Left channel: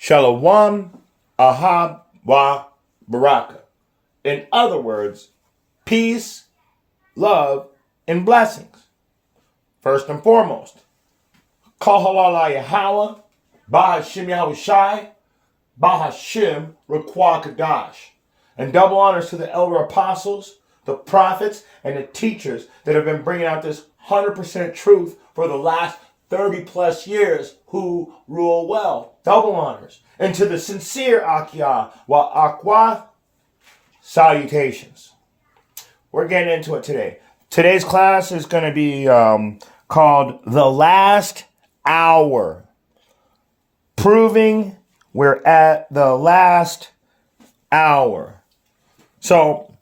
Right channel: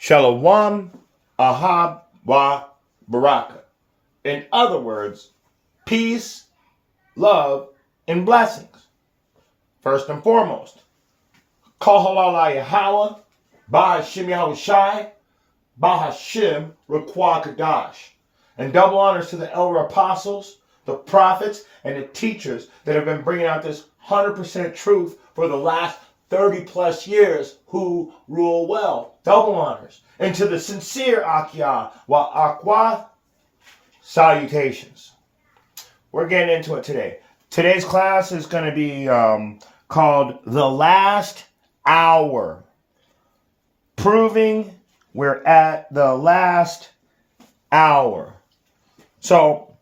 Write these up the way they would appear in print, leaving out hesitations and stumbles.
Shalom, Ahab, Wa, Baraka. In other words, peace, love, and blessings. First and foremost, Kahalala Yahweh, Bahashim Yahushai, Bahashim Requa Kadash. And double honors to the elder apostles, the prophets, and the teachers that have been bringing out this 100% truth for the last 30 plus years who rule well. Double honors. And to the sincere Akia wa Akwa, salutations. We're getting into it today. Today's class is going to be called The Last Hour. Proving we're at the last hour. So,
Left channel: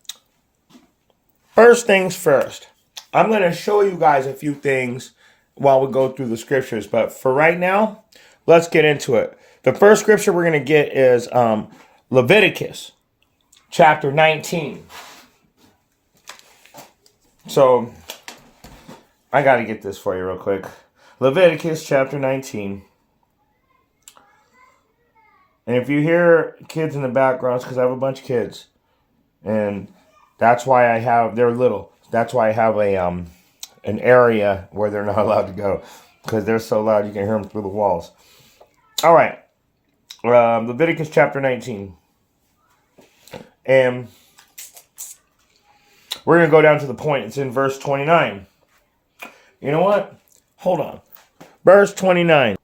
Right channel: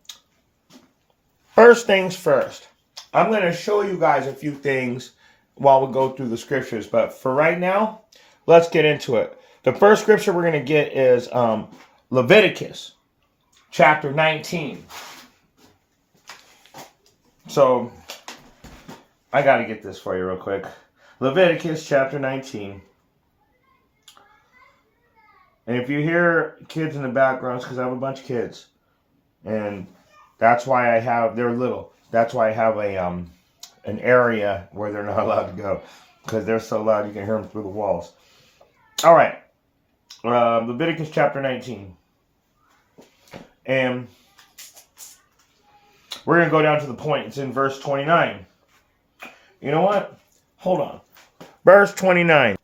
first things first. I'm going to show you guys a few things while we go through the scriptures. But for right now, let's get into it. The first scripture we're going to get is Leviticus chapter 19. So, I got to get this for you real quick. Leviticus chapter 19. And if you hear kids in the background, it's because I have a bunch of kids. And that's why they're little. That's why I have an area where they're not allowed to go. Because they're so loud you can hear them through the walls. All right. Leviticus chapter 19. And we're going to go down to the point. It's in verse 29. You know what? Hold on. Verse 29.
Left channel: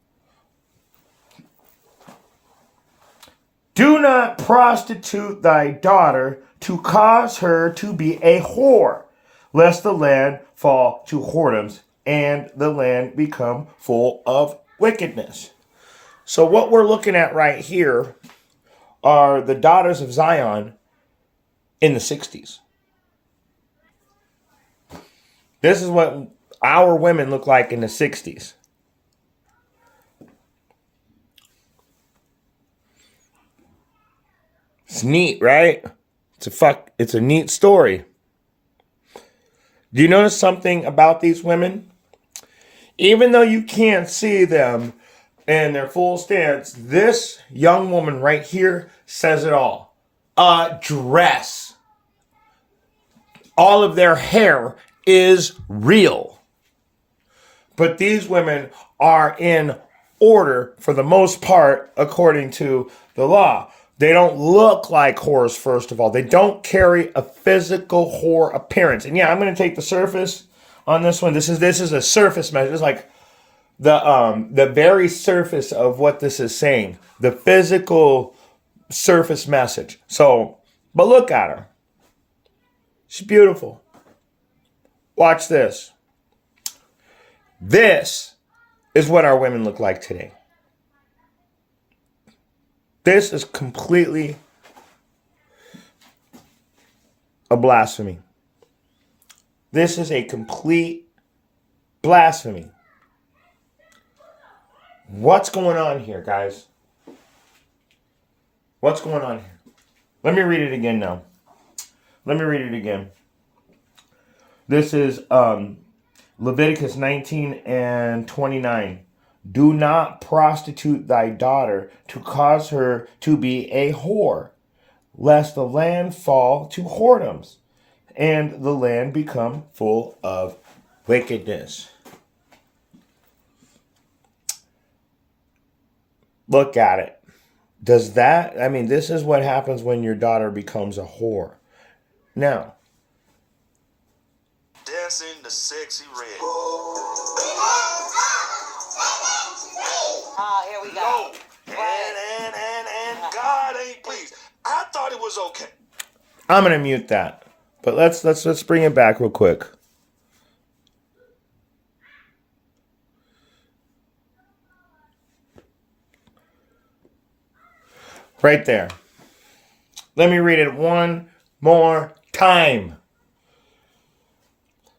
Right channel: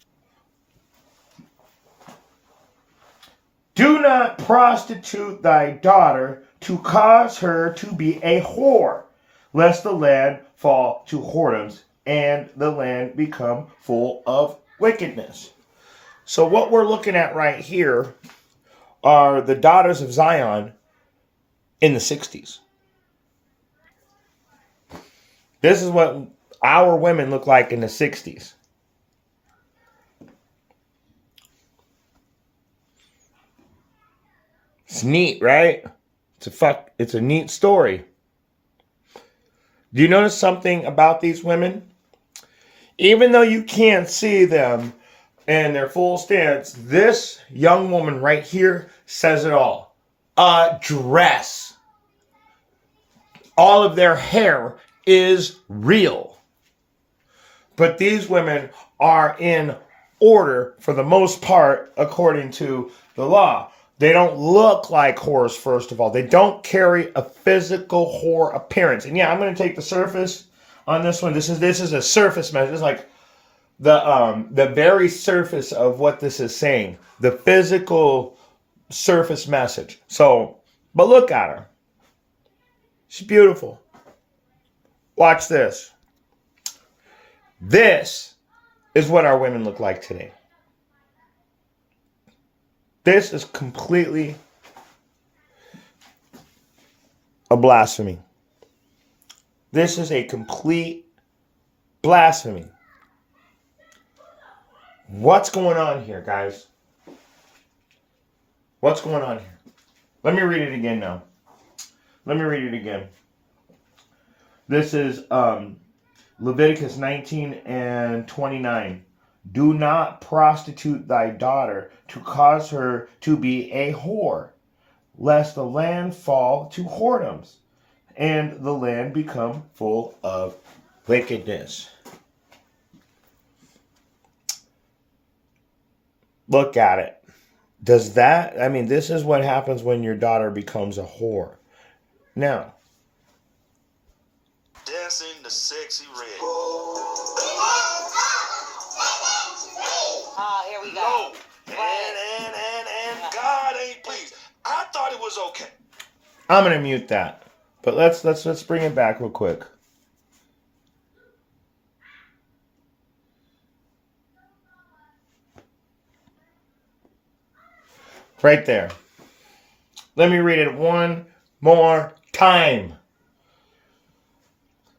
Do not prostitute thy daughter to cause her to be a whore, lest the land fall to whoredoms and the land become full of wickedness. So what we're looking at right here are the daughters of Zion in the 60s. This is what our women look like in the 60s. It's neat, right? It's a neat story. Do you notice something about these women? Even though you can't see them in their full stance, this young woman right here says it all. A dress. All of their hair is real. But these women are in order for the most part according to the law. They don't look like whores, first of all. They don't carry a physical whore appearance. And yeah, I'm going to take the surface on this one. This is a surface measure. It's like the very surface of what this is saying. The physical surface message. So, but look at her. She's beautiful. Watch this. This is what our women look like today. This is completely a blasphemy. This is a complete blasphemy. What's going on here, guys? What's going on here? Let me read it again now. Let me read it again. This is Leviticus 19 and 29. Do not prostitute thy daughter to cause her to be a whore, lest the land fall to whoredoms, and the land become full of wickedness. Look at it. This is what happens when your daughter becomes a whore. Now, dancing the sexy red. Here we go. And God ain't pleased. I thought it was okay. I'm gonna mute that, but let's bring it back real quick. Right there. Let me read it one more time.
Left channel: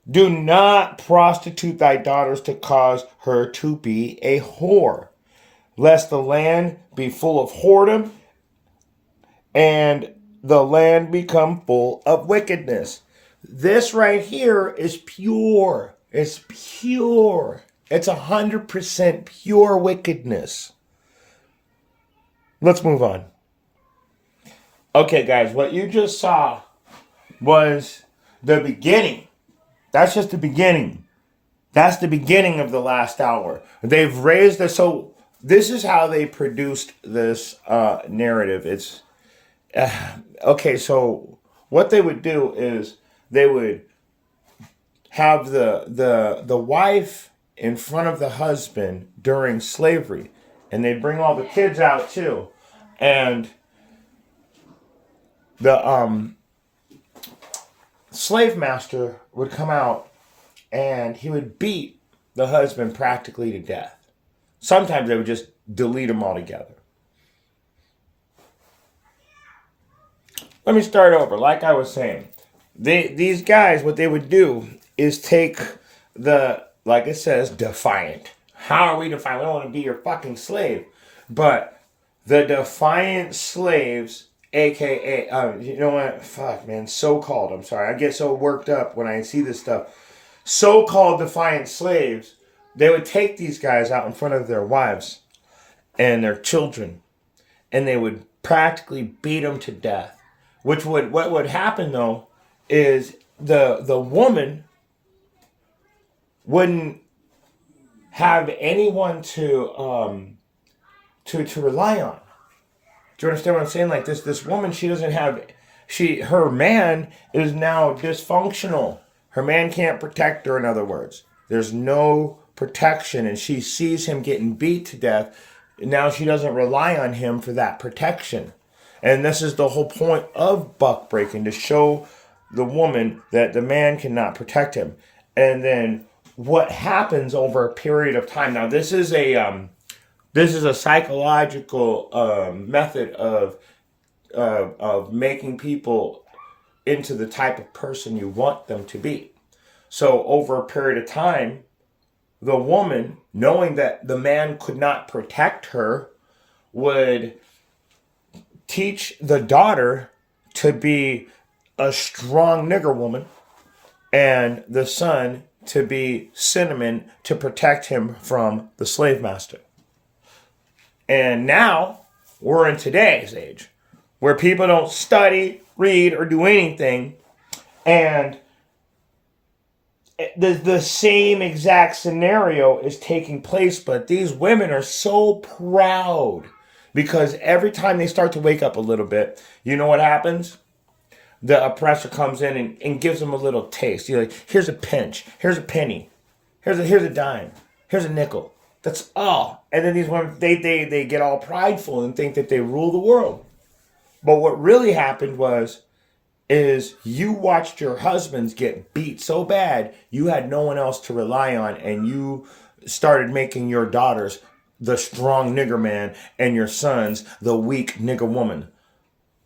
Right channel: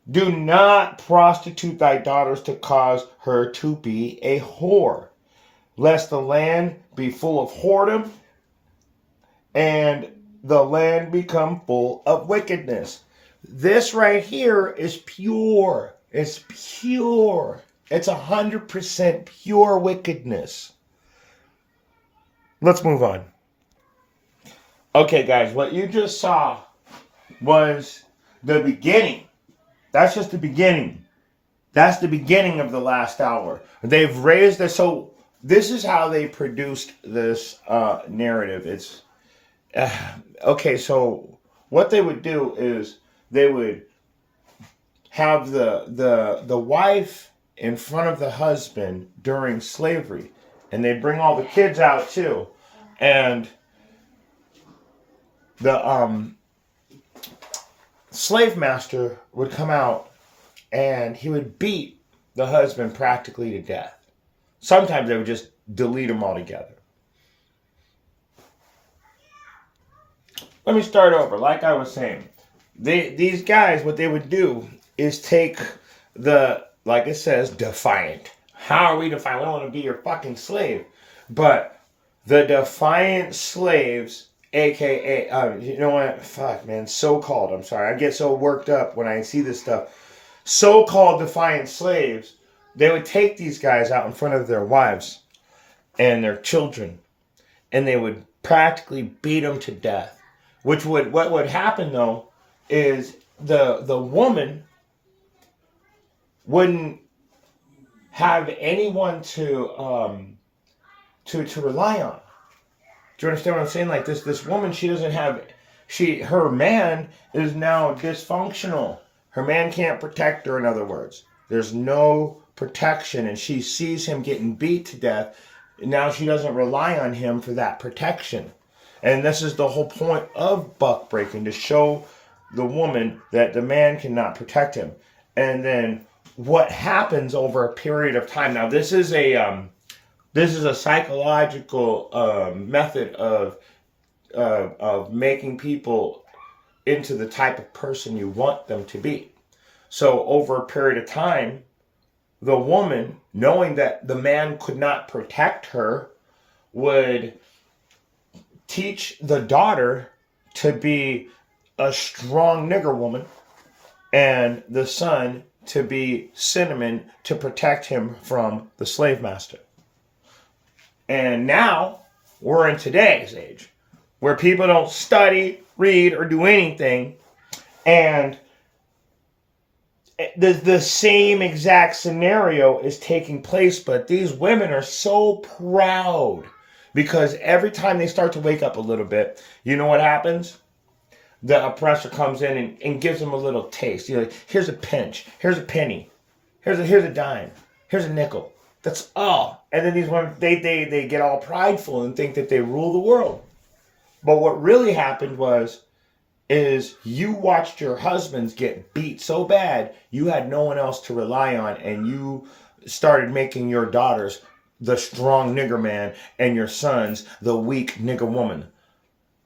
Do not prostitute thy daughters to cause her to be a whore, lest the land be full of whoredom and the land become full of wickedness. This right here is pure. It's pure. It's 100% pure wickedness. let's move on. Okay, guys, what you just saw was the beginning. That's just the beginning. That's the beginning of the last hour. They've raised the so. This is how they produced this narrative. It's okay. So what they would do is they would have the wife in front of the husband during slavery, and they'd bring all the kids out too, and the slave master would come out and he would beat the husband practically to death. Sometimes they would just delete them altogether. Let me start over. Like I was saying, these guys, what they would do is take the, like it says, defiant. How are we defiant? We don't want to be your fucking slave. But the defiant slaves, aka, you know what? Fuck, man. So-called. I'm sorry. I get so worked up when I see this stuff. So-called defiant slaves, they would take these guys out in front of their wives and their children, and they would practically beat them to death. What would happen though is the woman wouldn't have anyone to rely on. Do you understand what I'm saying? Like this woman, she doesn't have her man is now dysfunctional. Her man can't protect her, in other words. There's no protection, and she sees him getting beat to death. And now she doesn't rely on him for that protection. And this is the whole point of buck breaking, to show the woman that the man cannot protect him. And then what happens over a period of time. Now this is a psychological method of making people into the type of person you want them to be. So over a period of time, the woman, knowing that the man could not protect her, would teach the daughter to be a strong nigger woman, and the son to be cinnamon to protect him from the slave master. And now we're in today's age where people don't study, read, or do anything, and the same exact scenario is taking place, but these women are so proud because every time they start to wake up a little bit, you know what happens? The oppressor comes in and gives them a little taste. You're like, here's a pinch, here's a penny, here's a dime, here's a nickel. That's all. And then these women, they get all prideful and think that they rule the world. But what really happened is you watched your husbands get beat so bad, you had no one else to rely on, and you started making your daughters the strong nigger man and your sons the weak nigger woman.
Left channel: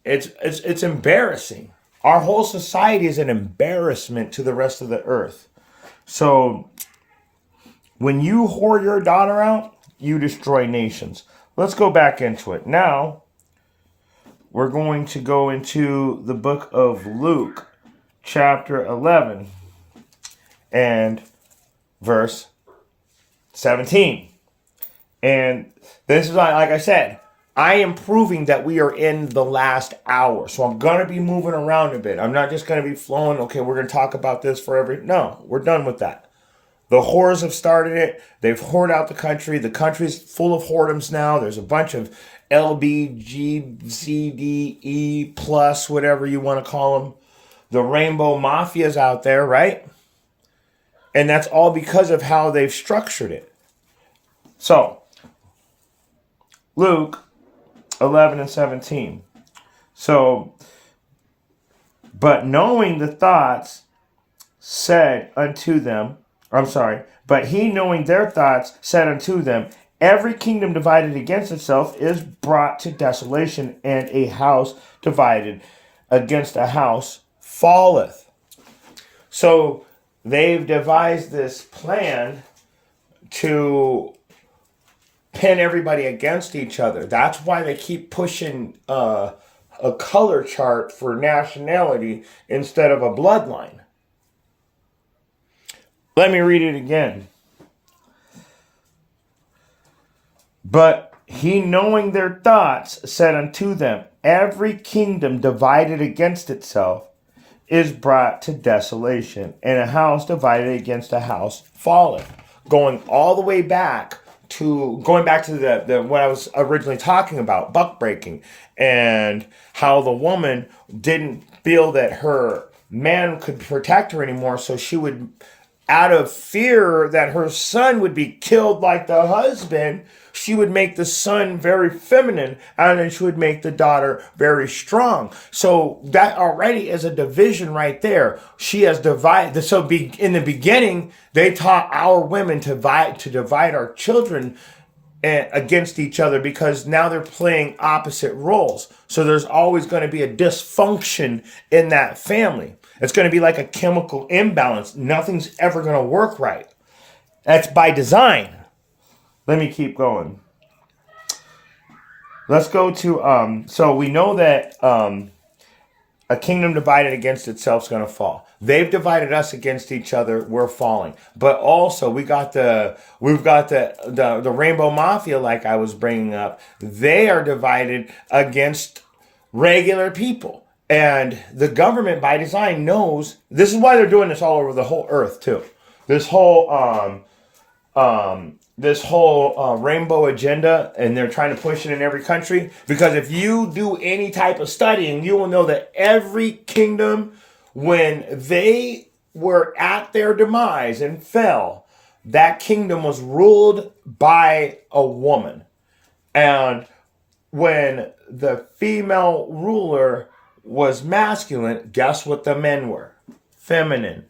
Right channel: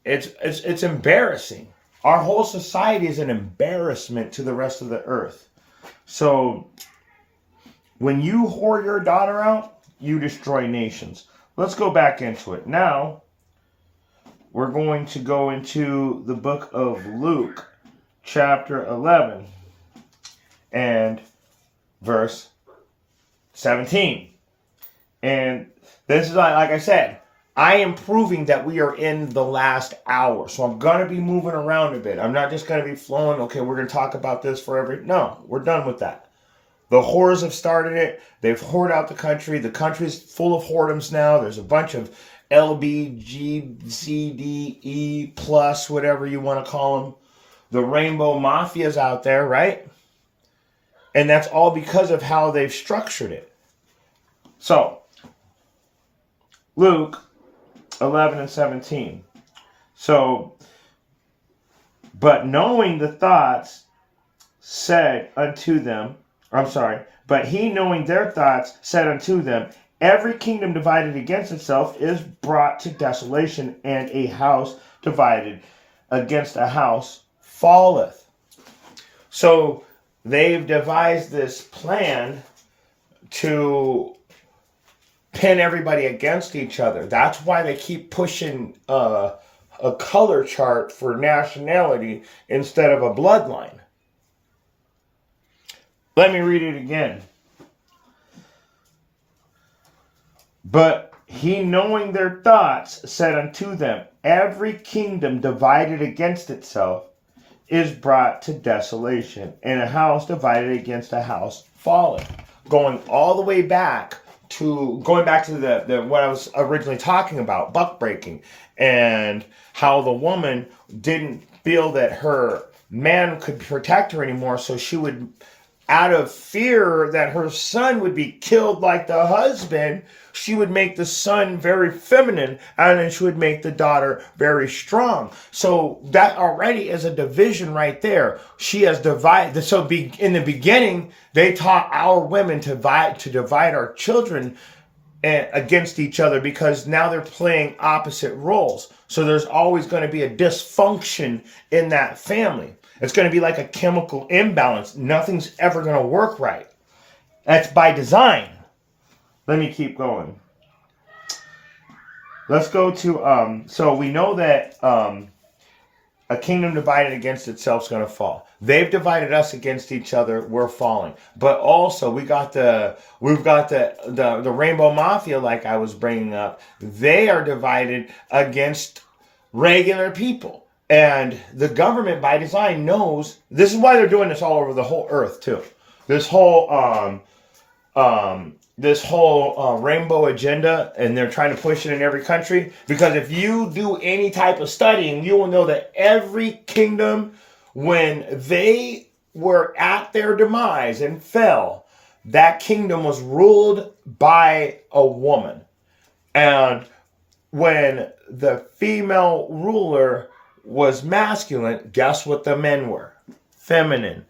It's embarrassing. Our whole society is an embarrassment to the rest of the earth. So when you whore your daughter out, you destroy nations. Let's go back into it. Now, we're going to go into the book of Luke, chapter 11, and verse 17. And this is, like I said, I am proving that we are in the last hour. So I'm going to be moving around a bit. I'm not just going to be flowing, okay, we're going to talk about this forever. No, we're done with that. The whores have started it. They've whored out the country. The country's full of whoredoms now. There's a bunch of LBGCDE plus, whatever you want to call them. The rainbow mafias out there, right? And that's all because of how they've structured it. So, Luke 11 and 17. So, but knowing the thoughts said unto them, but he knowing their thoughts said unto them, every kingdom divided against itself is brought to desolation, and a house divided against a house falleth. So they've devised this plan to pin everybody against each other. That's why they keep pushing a color chart for nationality instead of a bloodline. Let me read it again. But He, knowing their thoughts, said unto them, every kingdom divided against itself is brought to desolation, and a house divided against a house falleth. Going back to the what I was originally talking about, buck breaking, and how the woman didn't feel that her man could protect her anymore, so she would, out of fear that her son would be killed like the husband, she would make the son very feminine, and then she would make the daughter very strong. So that already is a division right there. She has divided. So in the beginning, they taught our women to divide our children against each other, because now they're playing opposite roles. So there's always going to be a dysfunction in that family. It's going to be like a chemical imbalance. Nothing's ever going to work right. That's by design. Let me keep going. Let's go to, so we know that a kingdom divided against itself is going to fall. They've divided us against each other. We're falling. But also we've got the Rainbow Mafia, like I was bringing up. They are divided against regular people. And the government, by design, knows this is why they're doing this all over the whole earth too. This whole rainbow agenda, and they're trying to push it in every country. Because if you do any type of studying, you will know that every kingdom, when they were at their demise and fell, that kingdom was ruled by a woman. And when the female ruler was masculine, guess what the men were? Feminine.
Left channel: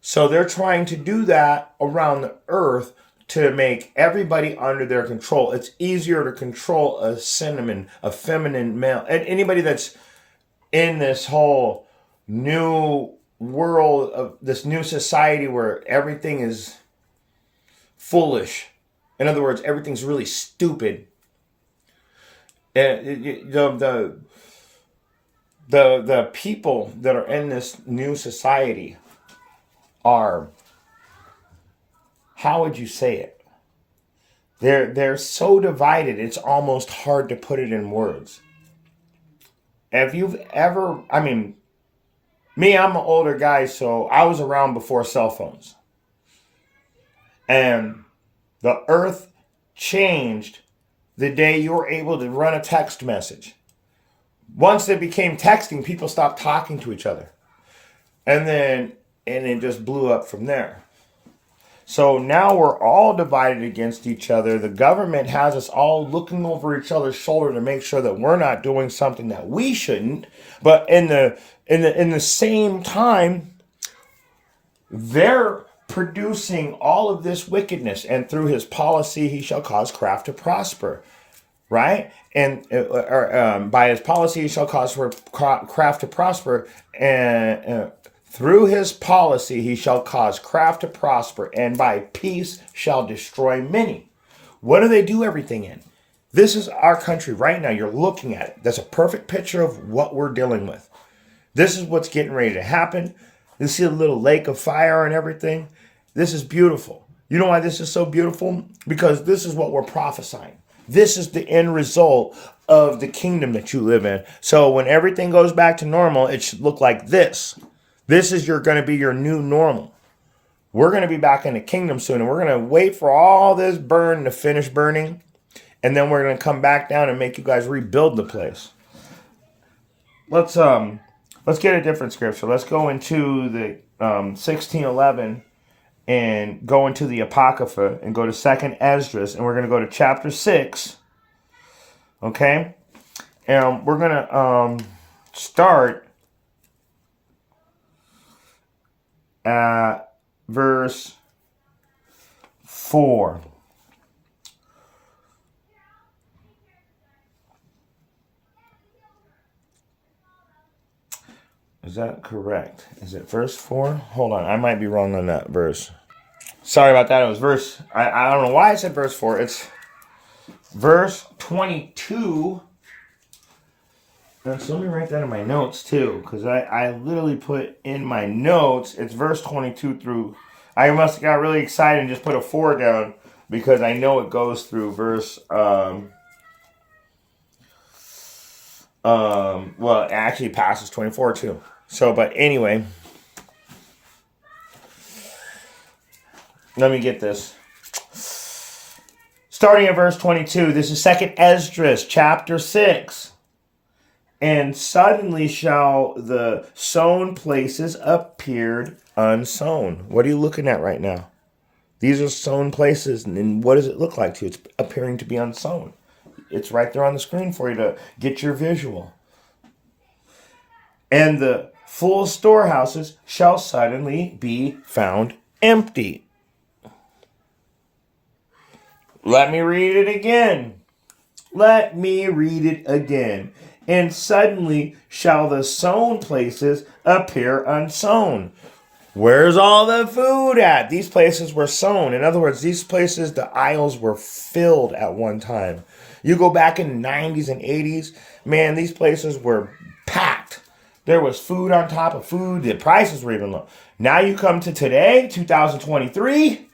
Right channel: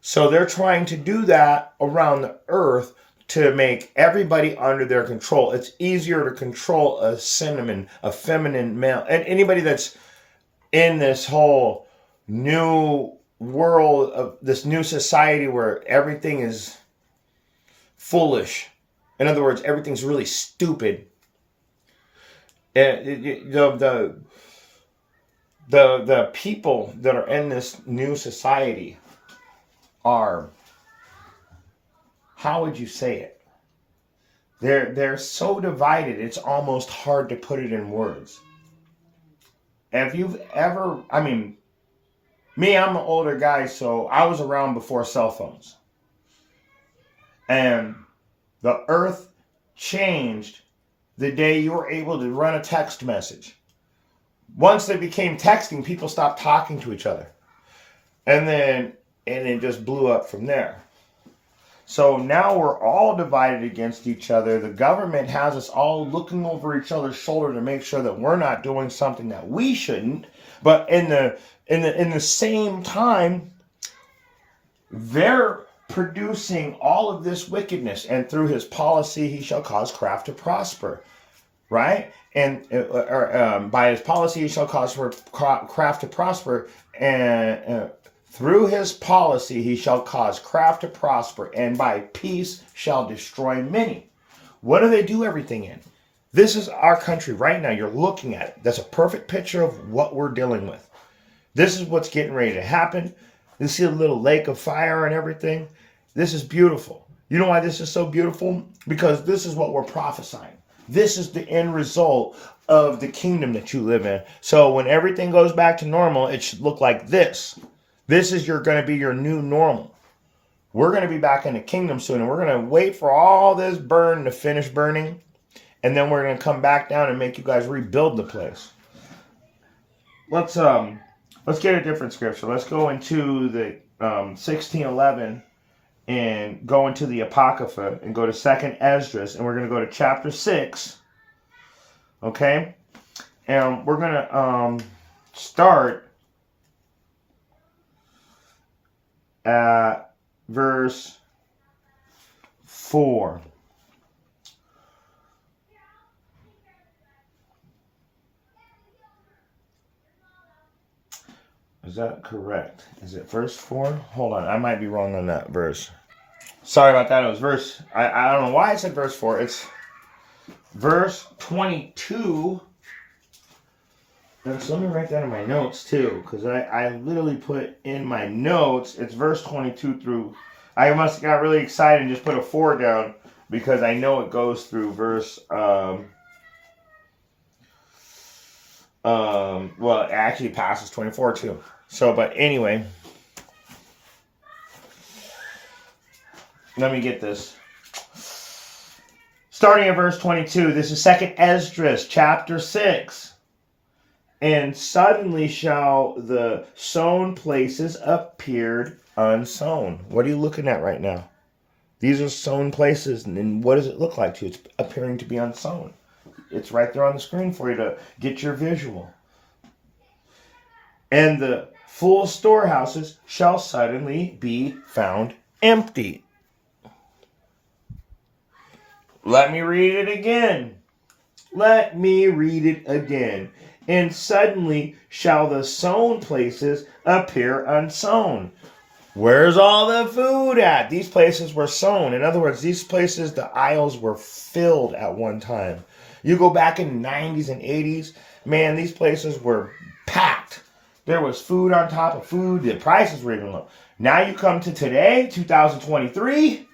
So they're trying to do that around the earth to make everybody under their control. It's easier to control a feminine male. And anybody that's in this whole new world of this new society where everything is foolish. In other words, everything's really stupid. The people that are in this new society are, how would you say it? They're so divided, it's almost hard to put it in words. If you've ever, I'm an older guy, so I was around before cell phones. And the earth changed the day you were able to run a text message. Once it became texting, people stopped talking to each other. And it just blew up from there. So now we're all divided against each other. The government has us all looking over each other's shoulder to make sure that we're not doing something that we shouldn't. But in the same time, they're producing all of this wickedness, and through his policy he shall cause craft to prosper, right? And by his policy he shall cause craft to prosper, and through his policy he shall cause craft to prosper, and by peace shall destroy many. What do they do everything in? This is our country right now. You're looking at it. That's a perfect picture of what we're dealing with. This is what's getting ready to happen. You see a little lake of fire and everything. This is beautiful. You know why this is so beautiful? Because this is what we're prophesying. This is the end result of the kingdom that you live in. So when everything goes back to normal, it should look like this. This is going to be your new normal. We're going to be back in the kingdom soon, and we're going to wait for all this burn to finish burning, and then we're going to come back down and make you guys rebuild the place. Let's get a different scripture. Let's go into the 16:11 and go into the Apocrypha and go to 2nd Esdras, and we're going to go to chapter 6. Okay? And we're going to start at verse 4. Is that correct? Is it verse 4? Hold on, I might be wrong on that verse. Sorry about that. It was verse, I don't know why I said verse 4. It's verse 22. Now, so let me write that in my notes too, because I literally put in my notes, it's verse 22 through, I must have got really excited and just put a 4 down, because I know it goes through verse Well, it actually passes 24 too. So, but anyway, let me get this. Starting at verse 22, this is 2nd Esdras, chapter 6. And suddenly shall the sown places appear unsown. What are you looking at right now? These are sown places, and what does it look like to you? It's appearing to be unsown. It's right there on the screen for you to get your visual. And the full storehouses shall suddenly be found empty. Let me read it again. Let me read it again. And suddenly shall the sown places appear unsown. Where's all the food at? These places were sown. In other words, these places, the aisles were filled at one time. You go back in the 90s and 80s, man, these places were packed. There was food on top of food. The prices were even low. Now you come to today, 2023.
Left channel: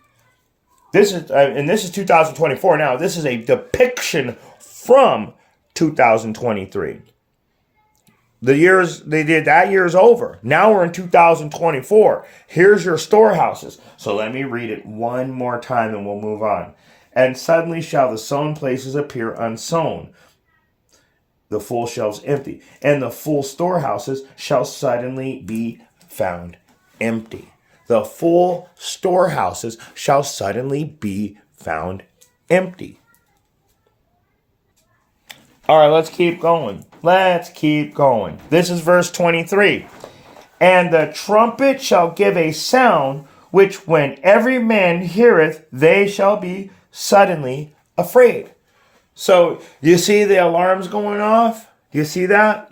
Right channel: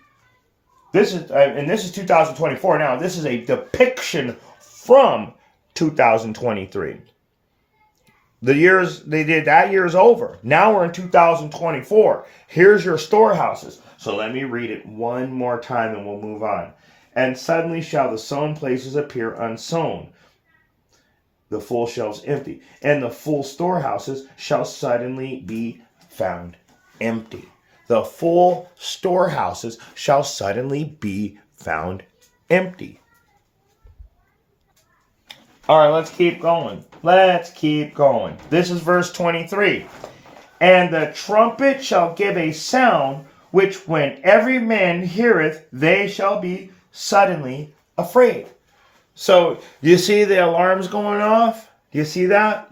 This is 2024 now. This is a depiction from 2023. The years they did that year is over. Now we're in 2024. Here's your storehouses. So let me read it one more time and we'll move on. And suddenly shall the sown places appear unsown, the full shelves empty, and the full storehouses shall suddenly be found empty. The full storehouses shall suddenly be found empty. All right, let's keep going. Let's keep going. This is verse 23. And the trumpet shall give a sound, which when every man heareth, they shall be suddenly afraid. So, you see the alarms going off? You see that?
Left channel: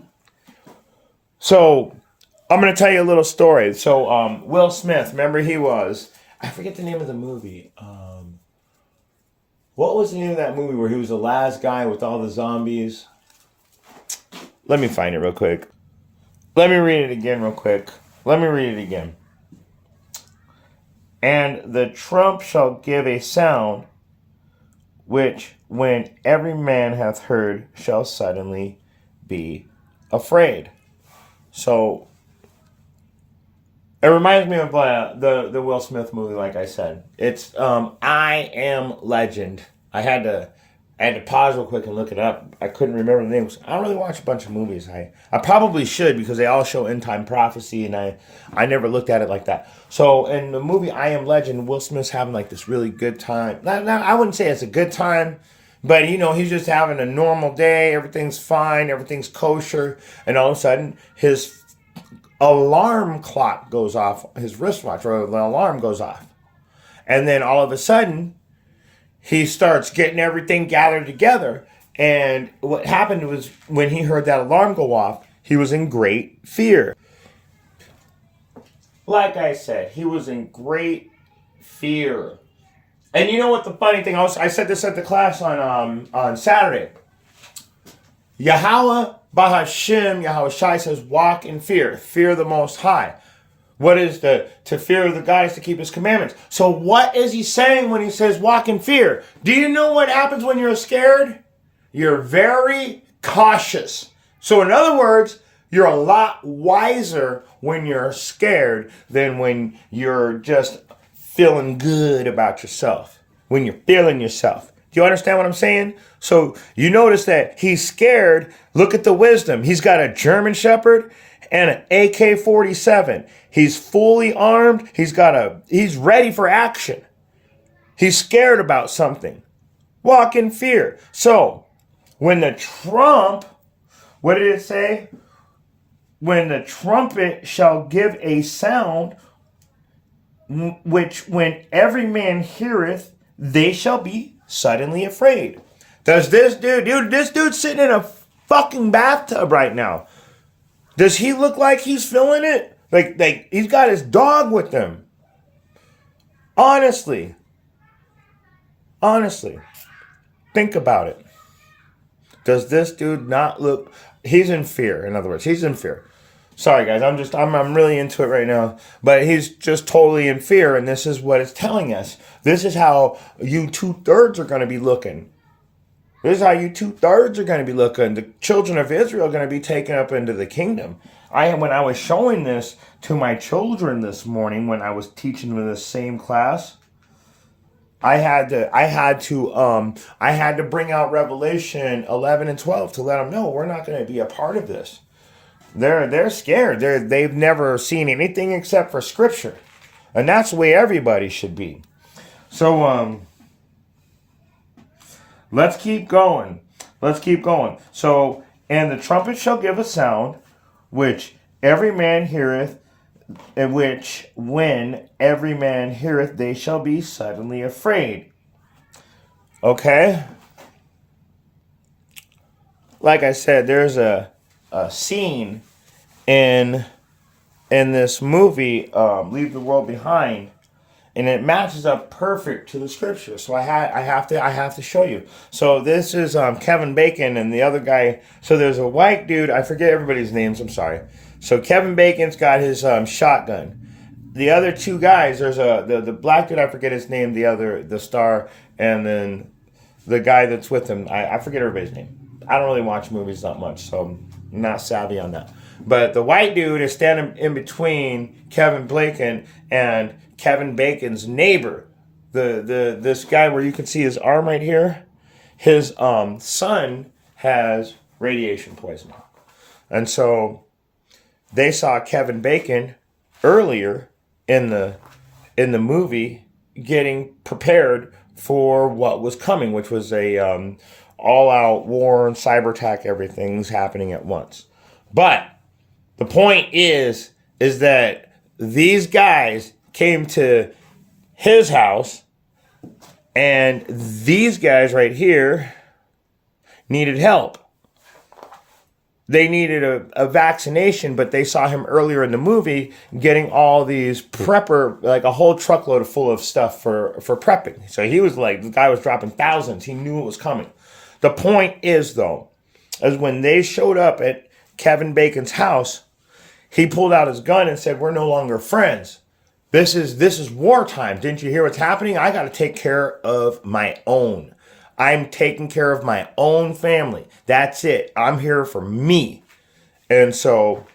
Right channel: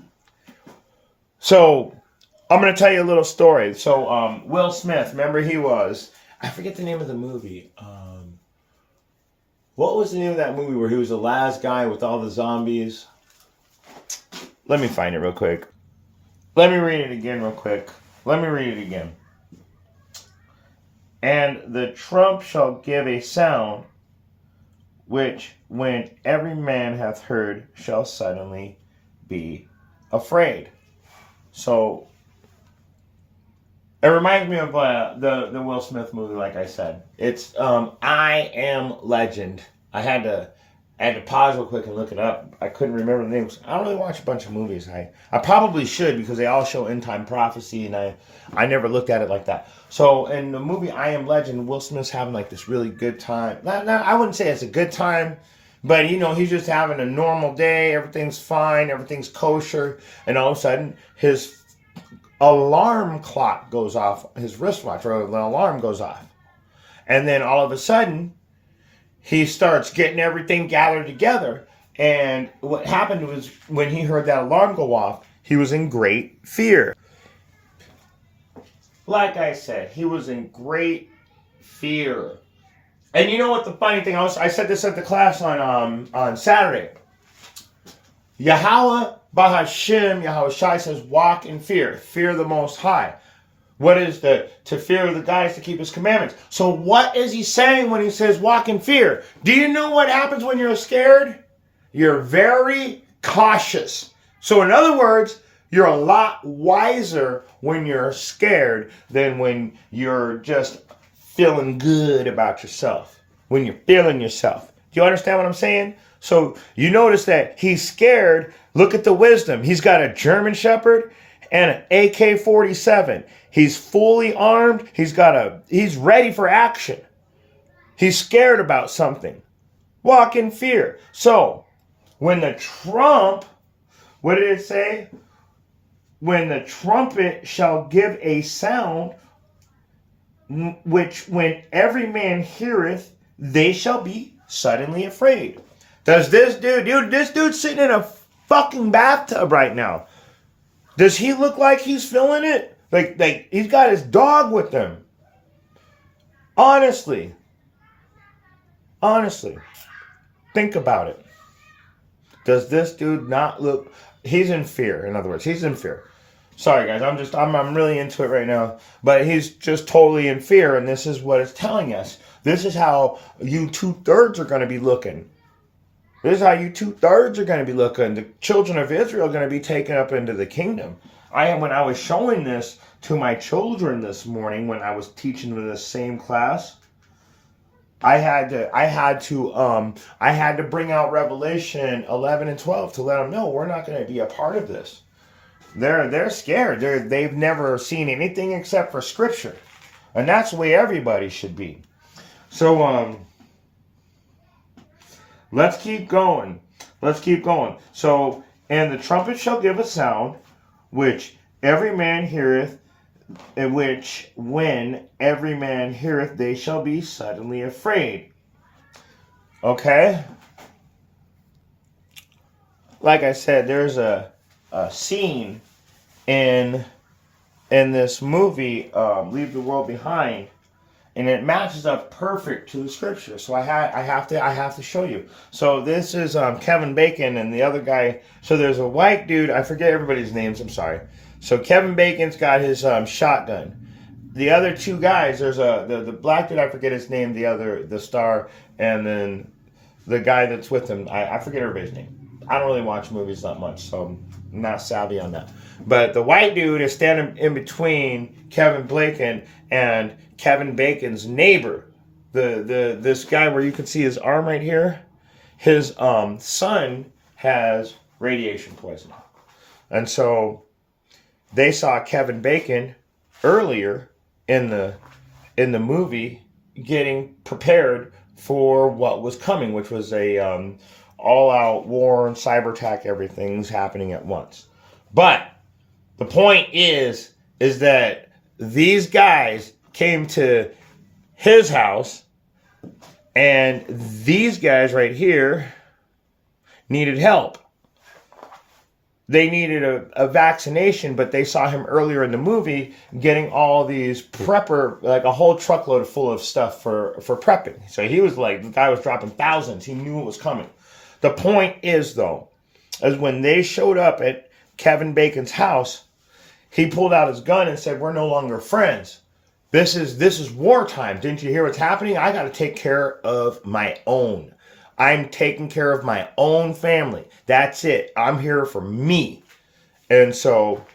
So, I'm going to tell you a little story. So, Will Smith, remember I forget the name of the movie. What was the name of that movie where he was the last guy with all the zombies? Let me find it real quick. Let me read it again real quick. Let me read it again. And the trump shall give a sound, which when every man hath heard shall suddenly be afraid. So, it reminds me of the Will Smith movie, like I said. It's I Am Legend. I had to pause real quick and look it up. I couldn't remember the names. I don't really watch a bunch of movies. I probably should because they all show end time prophecy, and I never looked at it like that. So in the movie I Am Legend, Will Smith's having like this really good time. Not I wouldn't say it's a good time, but he's just having a normal day. Everything's fine. Everything's kosher, and all of a sudden his alarm clock goes off, his wristwatch, or the alarm goes off. And then all of a sudden, he starts getting everything gathered together. And what happened was when he heard that alarm go off, he was in great fear. Like I said, he was in great fear. And you know what the funny thing was? I said this at the class on Saturday. Yahweh Bahashem, Yahweh Shai says, walk in fear. Fear the Most High. What is to fear the God is to keep his commandments. So what is he saying when he says walk in fear? Do you know what happens when you're scared? You're very cautious. So in other words, you're a lot wiser when you're scared than when you're just feeling good about yourself. When you're feeling yourself. Do you understand what I'm saying? So you notice that he's scared. Look at the wisdom. He's got a German Shepherd and an AK-47. He's fully armed. He's ready for action. He's scared about something. Walk in fear. So when the trump, what did it say? When the trumpet shall give a sound, which when every man heareth, they shall be suddenly afraid. Does this this dude's sitting in a fucking bathtub right now. Does he look like he's feeling it? Like he's got his dog with him. Honestly, think about it. Does this dude not look? He's in fear. In other words, he's in fear. Sorry guys, I'm really into it right now. But he's just totally in fear, and this is what it's telling us. This is how you 2/3 are going to be looking. This is how you 2/3 are going to be looking. The children of Israel are going to be taken up into the kingdom. When I was showing this to my children this morning, when I was teaching them this same class, I had to bring out Revelation 11 and 12 to let them know we're not going to be a part of this. They're scared. They've never seen anything except for Scripture, and that's the way everybody should be. So let's keep going. So, and the trumpet shall give a sound, which every man heareth, in which when every man heareth, they shall be suddenly afraid. Okay? Like I said, there's a scene in this movie, Leave the World Behind, and it matches up perfect to the scripture. So I have to show you. So this is Kevin Bacon and the other guy. So there's a white dude. I forget everybody's names. I'm sorry. So Kevin Bacon's got his shotgun. The other two guys, there's the black dude. I forget his name. The star, and then the guy that's with him. I forget everybody's name. I don't really watch movies that much, so I'm not savvy on that. But the white dude is standing in between Kevin Bacon and Kevin Bacon's neighbor. This guy where you can see his arm right here. His son has radiation poisoning. And so they saw Kevin Bacon earlier in the movie getting prepared for what was coming, which was a all-out war and cyber attack. Everything's happening at once. But the point is that these guys came to his house, and these guys right here needed help. They needed a vaccination, but they saw him earlier in the movie getting all these prepper, like a whole truckload full of stuff for prepping. So he was like, the guy was dropping thousands. He knew it was coming. The point is, though, is when they showed up at Kevin Bacon's house, he pulled out his gun and said, "We're no longer friends. This is wartime. Didn't you hear what's happening? I got to take care of my own. I'm taking care of my own family. That's it. I'm here for me." And so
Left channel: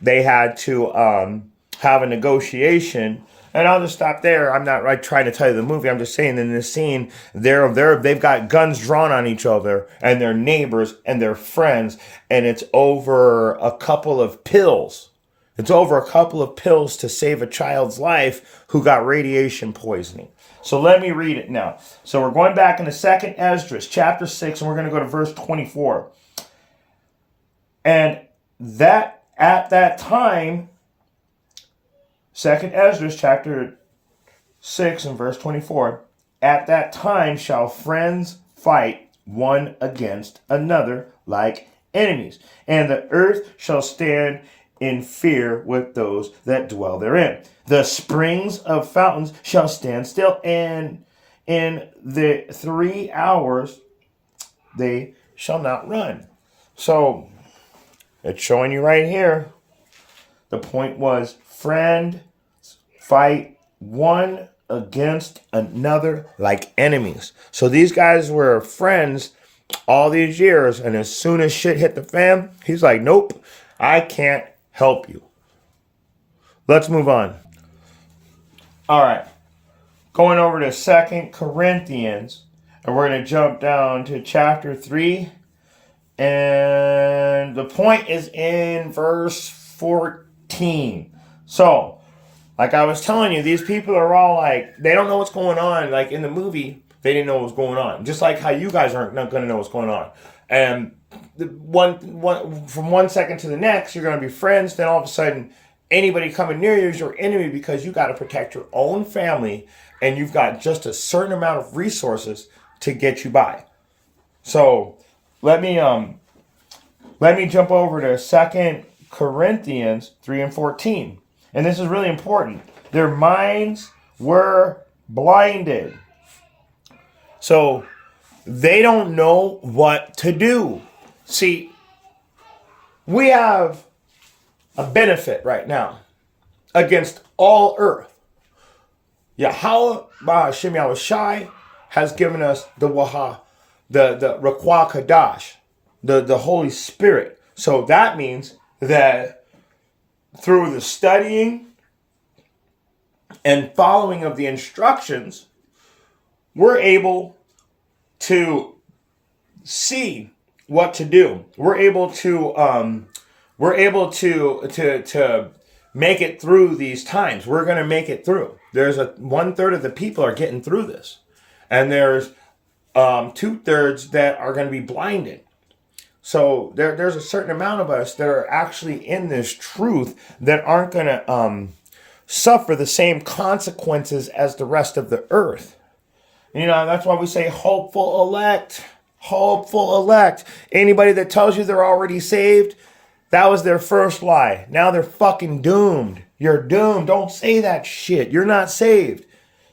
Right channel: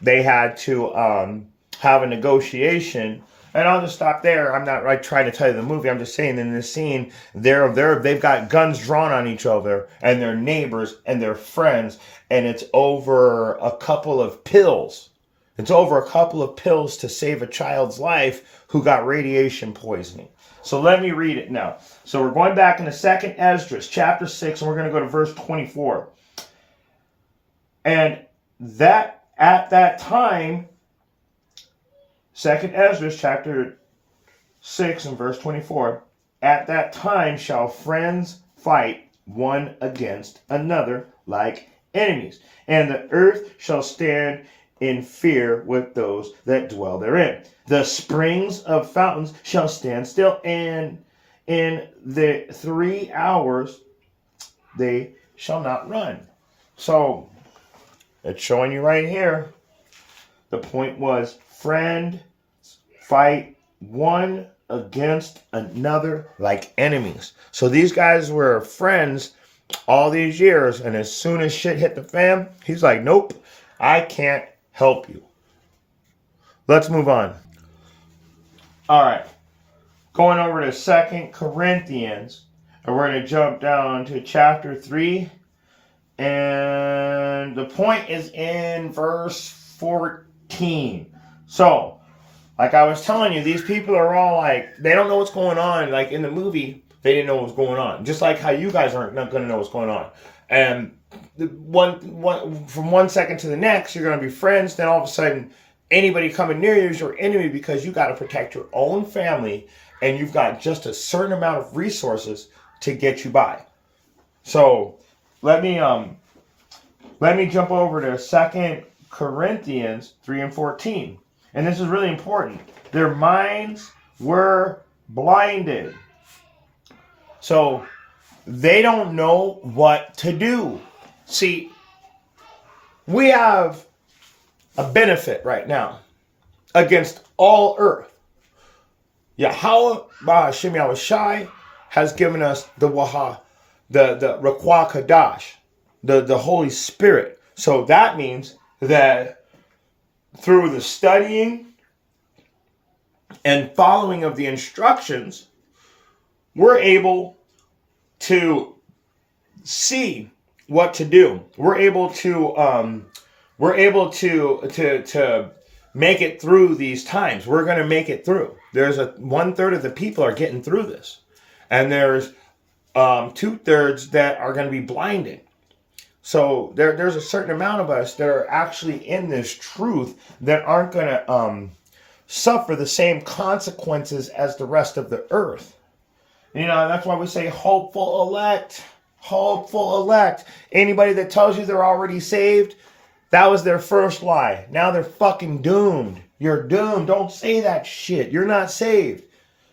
they had to have a negotiation. And I'll just stop there. I'm not trying to tell you the movie. I'm just saying in this scene, they've got guns drawn on each other, and they're neighbors and they're friends, and it's over a couple of pills. It's over a couple of pills to save a child's life who got radiation poisoning. So let me read it now. So we're going back into 2nd Esdras, chapter 6, and we're going to go to verse 24. And that at that time, 2nd Esdras, chapter 6 and verse 24, at that time shall friends fight one against another like enemies, and the earth shall stand in fear with those that dwell therein. The springs of fountains shall stand still, and in the 3 hours they shall not run. So it's showing you right here. The point was, friend, fight one against another like enemies. So these guys were friends all these years, and as soon as shit hit the fan, he's like, "Nope, I can't help you." Let's move on. All right. Going over to 2 Corinthians, and we're going to jump down to chapter 3. And the point is in verse 14. So, like I was telling you, these people are all like, they don't know what's going on. Like in the movie, they didn't know what was going on. Just like how you guys aren't not going to know what's going on. And from 1 second to the next, you're going to be friends. Then all of a sudden, anybody coming near you is your enemy because you got to protect your own family, and you've got just a certain amount of resources to get you by. So let me jump over to 2 Corinthians 3 and 14. And this is really important. Their minds were blinded. So they don't know what to do. See, we have a benefit right now against all earth. Yahweh Ba'Hashem Yahushai has given us the Waha, the Ruach Kadash, the Holy Spirit. So that means that through the studying and following of the instructions, we're able to see what to do. We're able to make it through these times. We're going to make it through. There's 1/3 of the people are getting through this, and there's 2/3 that are going to be blinded. So there's a certain amount of us that are actually in this truth that aren't going to suffer the same consequences as the rest of the earth. You know, that's why we say hopeful elect. Hopeful elect. Anybody that tells you they're already saved, that was their first lie. Now they're fucking doomed. You're doomed. Don't say that shit. You're not saved.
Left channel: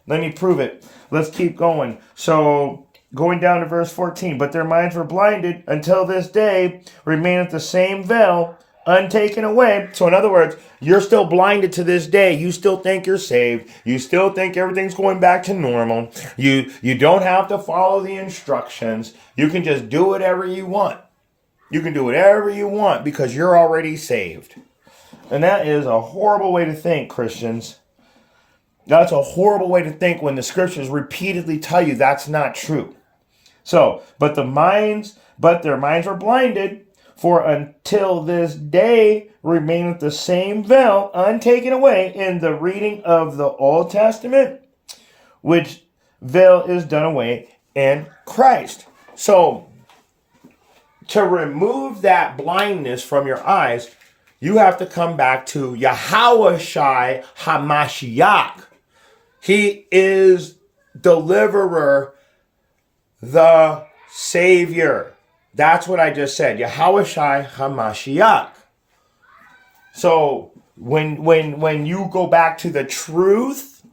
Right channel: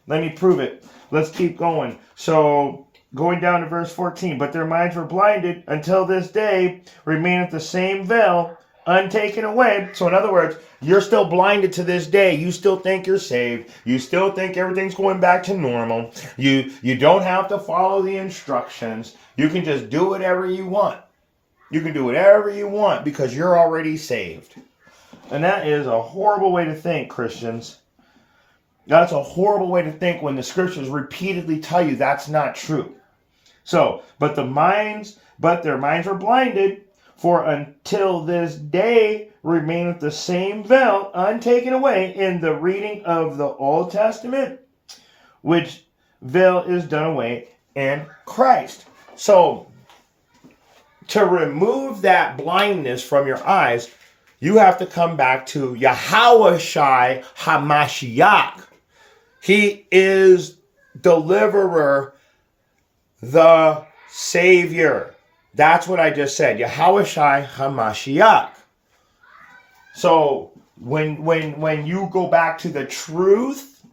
Let me prove it. Let's keep going. So, going down to verse 14. But their minds were blinded until this day remaineth the same veil untaken away. So in other words, you're still blinded to this day. You still think you're saved. You still think everything's going back to normal. You don't have to follow the instructions. You can just do whatever you want. You can do whatever you want because you're already saved. And that is a horrible way to think, Christians. That's a horrible way to think when the scriptures repeatedly tell you that's not true. So, but their minds were blinded, for until this day remaineth the same veil untaken away in the reading of the Old Testament, which veil is done away in Christ. So, to remove that blindness from your eyes, you have to come back to Yahushua HaMashiach. He is deliverer, the Savior. That's what I just said. Yahushua HaMashiach. So when you go back to the truth,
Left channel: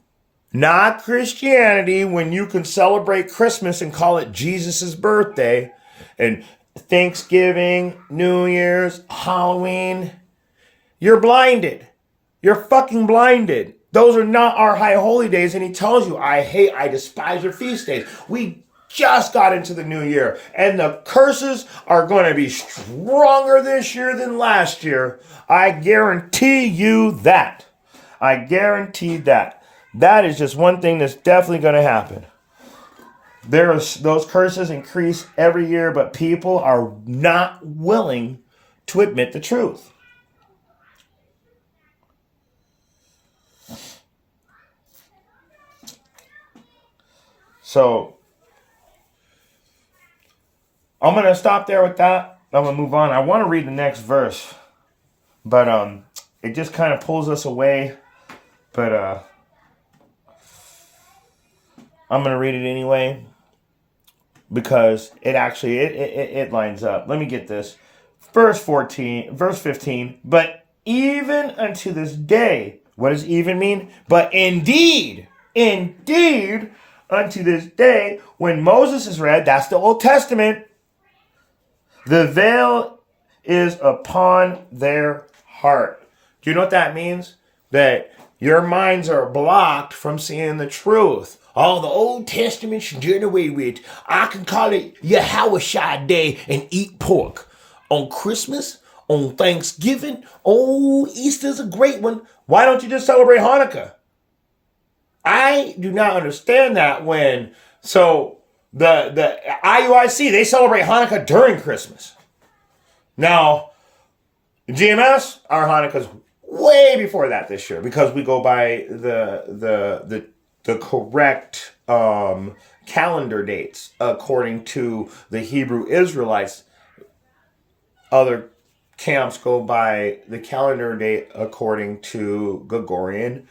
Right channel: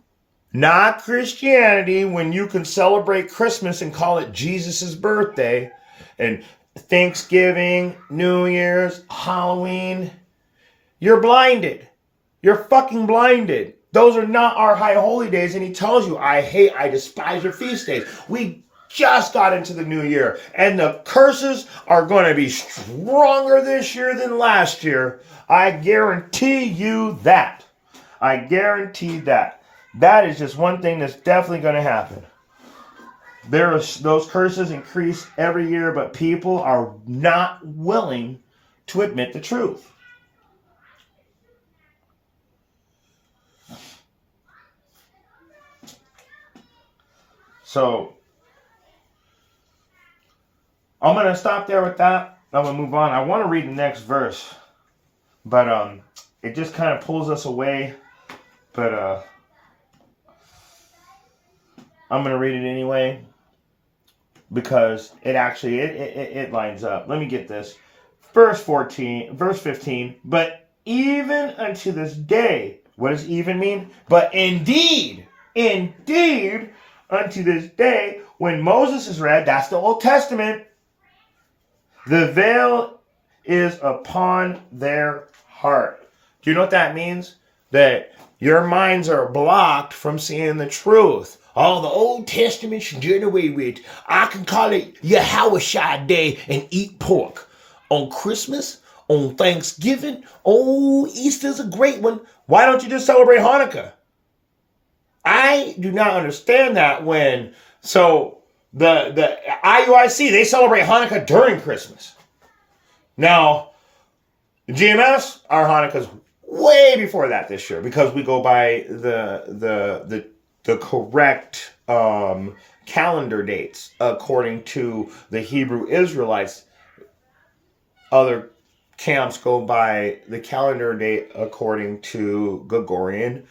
not Christianity, when you can celebrate Christmas and call it Jesus' birthday, and Thanksgiving, New Year's, Halloween, you're blinded. You're fucking blinded. Those are not our high holy days. And he tells you, I despise your feast days. We just got into the new year, and the curses are going to be stronger this year than last year. I guarantee you that. I guarantee that. That is just one thing that's definitely going to happen. Those curses increase every year, but people are not willing to admit the truth. So, I'm going to stop there with that. I'm going to move on. I want to read the next verse, but it just kind of pulls us away. But I'm going to read it anyway because it actually it lines up. Let me get this. Verse 15. But even unto this day, what does even mean? But indeed, unto this day, when Moses is read, that's the Old Testament, the veil is upon their heart. Do you know what that means? That your minds are blocked from seeing the truth. Oh, the Old Testament's done away with. I can call it Yahushua Day and eat pork. On Christmas, on Thanksgiving, Easter's a great one. Why don't you just celebrate Hanukkah? I do not understand that when... So, the IUIC, they celebrate Hanukkah during Christmas. Now, GMS, our Hanukkah's way before that this year because we go by the correct calendar dates according to the Hebrew Israelites. Other camps go by the calendar date according to Gregorian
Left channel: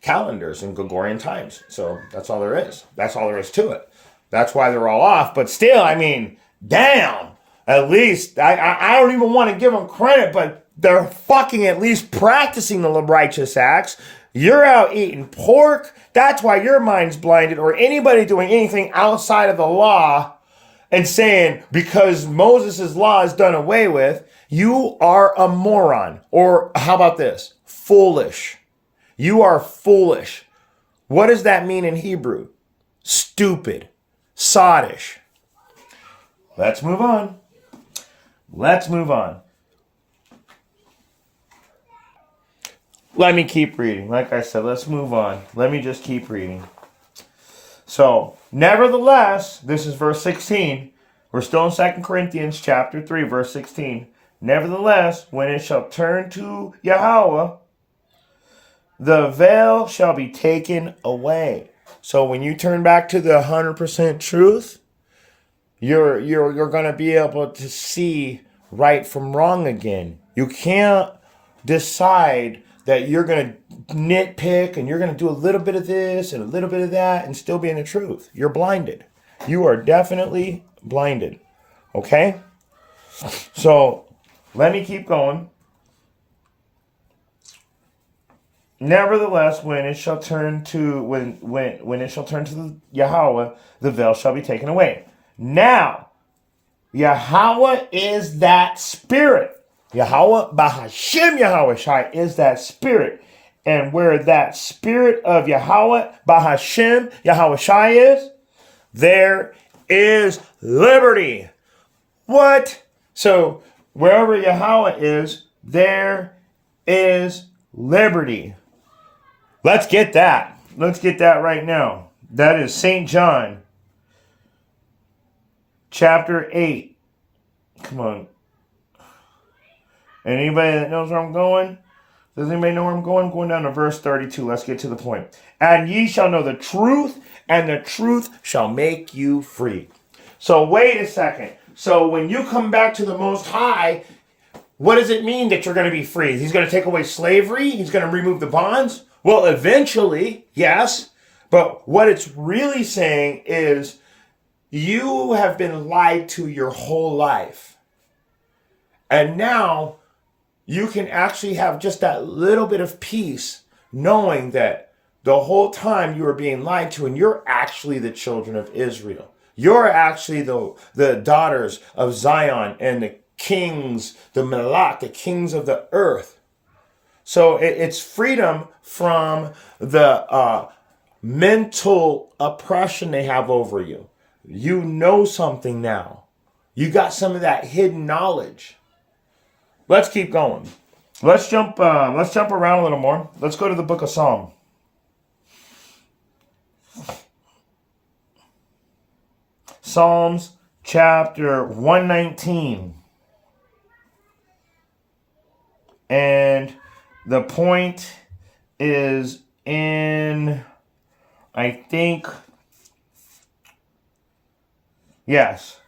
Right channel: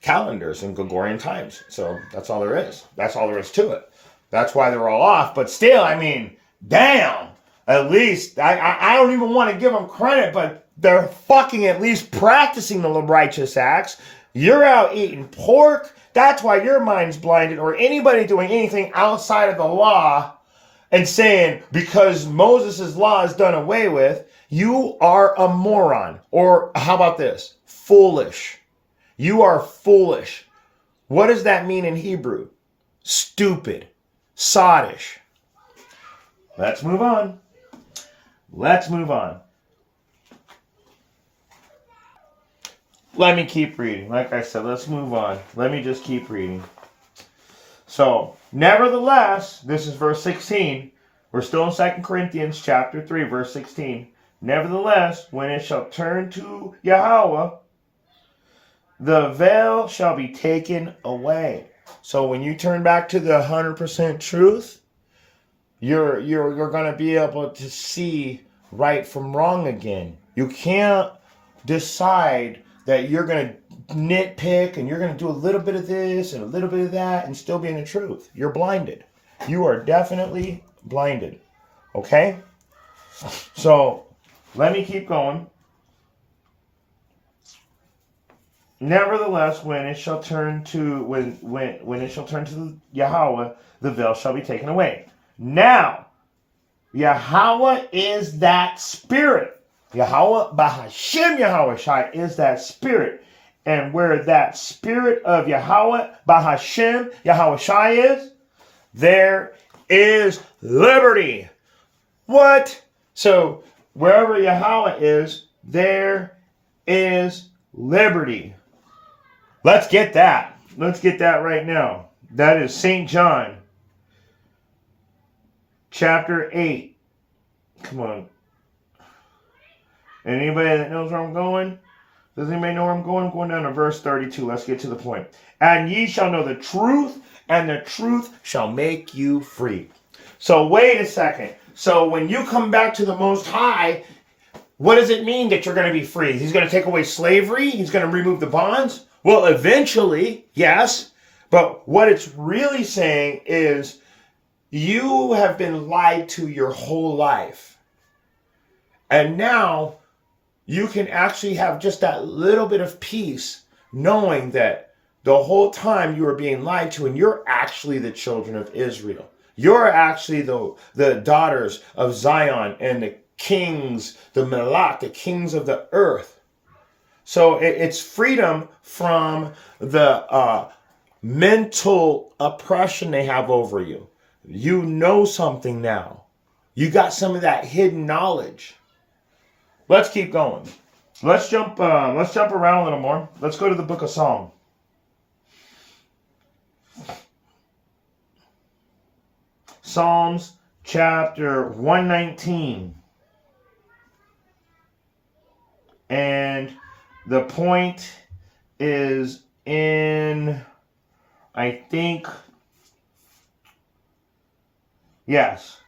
calendars and Gregorian times. So that's all there is. That's all there is to it. That's why they're all off. But still, I mean, damn. At least, I don't even want to give them credit, but they're fucking at least practicing the righteous acts. You're out eating pork. That's why your mind's blinded. Or anybody doing anything outside of the law and saying, because Moses' law is done away with, you are a moron. Or how about this? Foolish. You are foolish. What does that mean in Hebrew? Stupid. Sottish. let's move on. Let's move on. Let me keep reading. Like I said, let's move on. Let me just keep reading. So, nevertheless, this is verse 16. We're still in 2 Corinthians chapter 3, verse 16. Nevertheless, when it shall turn to Yahweh, the veil shall be taken away. So when you turn back to the 100% truth, you're going to be able to see right from wrong again. You can't decide that you're going to nitpick and you're going to do a little bit of this and a little bit of that and still be in the truth. You're blinded. You are definitely blinded. Okay? So let me keep going. Nevertheless, when it shall turn to when it shall turn to Yahweh, the veil shall be taken away. Now, Yahweh is that spirit. Yahweh Bahashem Yahweh Shai is that spirit. And where that spirit of Yahweh Bahashem Yahweh Shai is, there is liberty. What? So wherever Yahweh is, there is liberty. Let's get that. Let's get that right now. That is St. John, chapter 8. Come on. Anybody that knows where I'm going? Does anybody know where I'm going? I'm going down to verse 32. Let's get to the point. And ye shall know the truth, and the truth shall make you free. So wait a second. So when you come back to the Most High, what does it mean that you're going to be free? He's going to take away slavery? He's going to remove the bonds? Well, eventually, yes. But what it's really saying is you have been lied to your whole life. And now you can actually have just that little bit of peace knowing that the whole time you are being lied to and you're actually the children of Israel. You're actually the daughters of Zion and the kings, the Melach, the kings of the earth. So it's freedom from the mental oppression they have over you. You know something now. You got some of that hidden knowledge. Let's keep going. Let's jump around a little more. Let's go to the book of Psalm. Psalms chapter 119. And the point is in, I think, yes,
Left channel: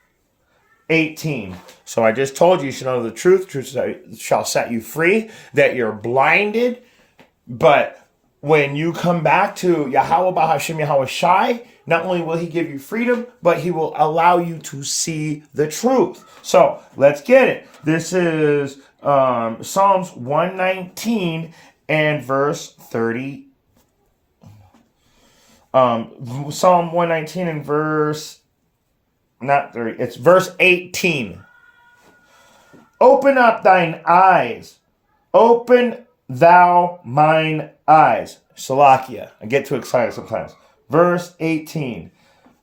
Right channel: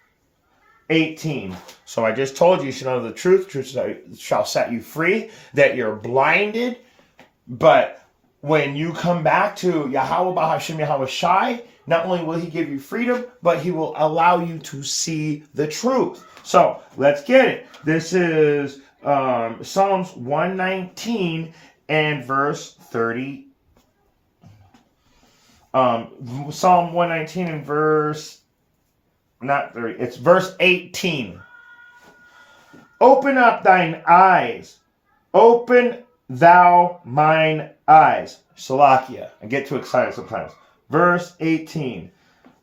18. So I just told you should know the truth. Truth shall set you free, that you're blinded. But when you come back to Yahweh Bahashem Yahweh Shai, not only will he give you freedom, but he will allow you to see the truth. So let's get it. This is Psalms 119 and verse 30. Psalm 119 and verse, not 30, it's verse 18. Open up thine eyes. Open thou mine eyes. Salakia. I get too excited sometimes. Verse 18.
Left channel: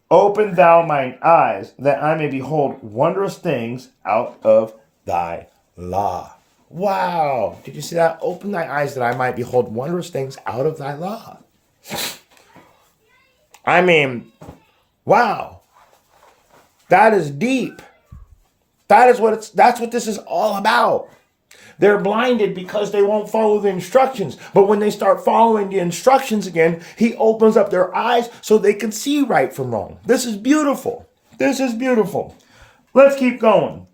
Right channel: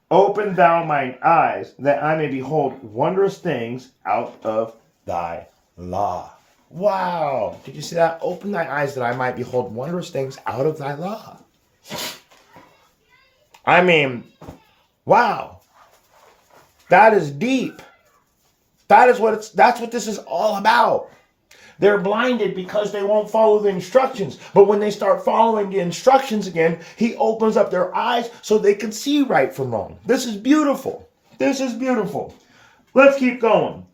Open thou mine eyes, that I may behold wondrous things out of thy law. Wow. Did you see that? Open thy eyes that I might behold wondrous things out of thy law. I mean, wow. That is deep. That's what this is all about. They're blinded because they won't follow the instructions. But when they start following the instructions again, he opens up their eyes so they can see right from wrong. This is beautiful. This is beautiful. Let's keep going.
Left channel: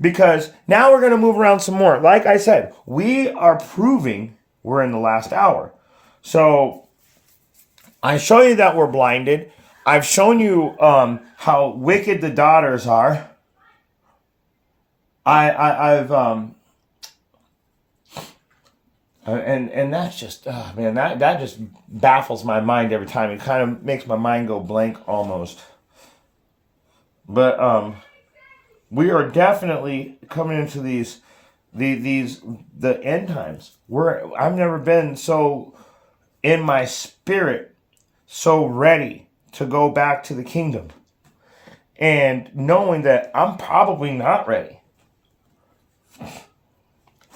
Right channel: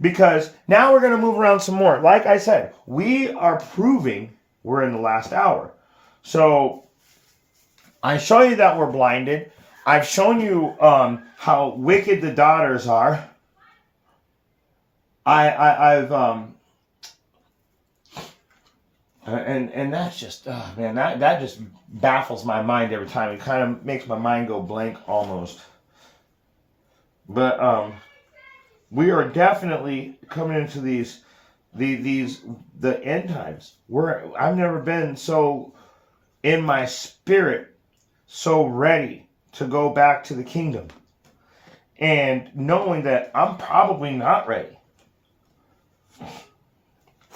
Because now we're going to move around some more. Like I said, we are proving we're in the last hour. So I show you that we're blinded. I've shown you how wicked the daughters are. And that's just, man, that just baffles my mind every time. It kind of makes my mind go blank almost. But we are definitely coming into the end times. I've never been so in my spirit, so ready to go back to the kingdom. and knowing that I'm probably not ready.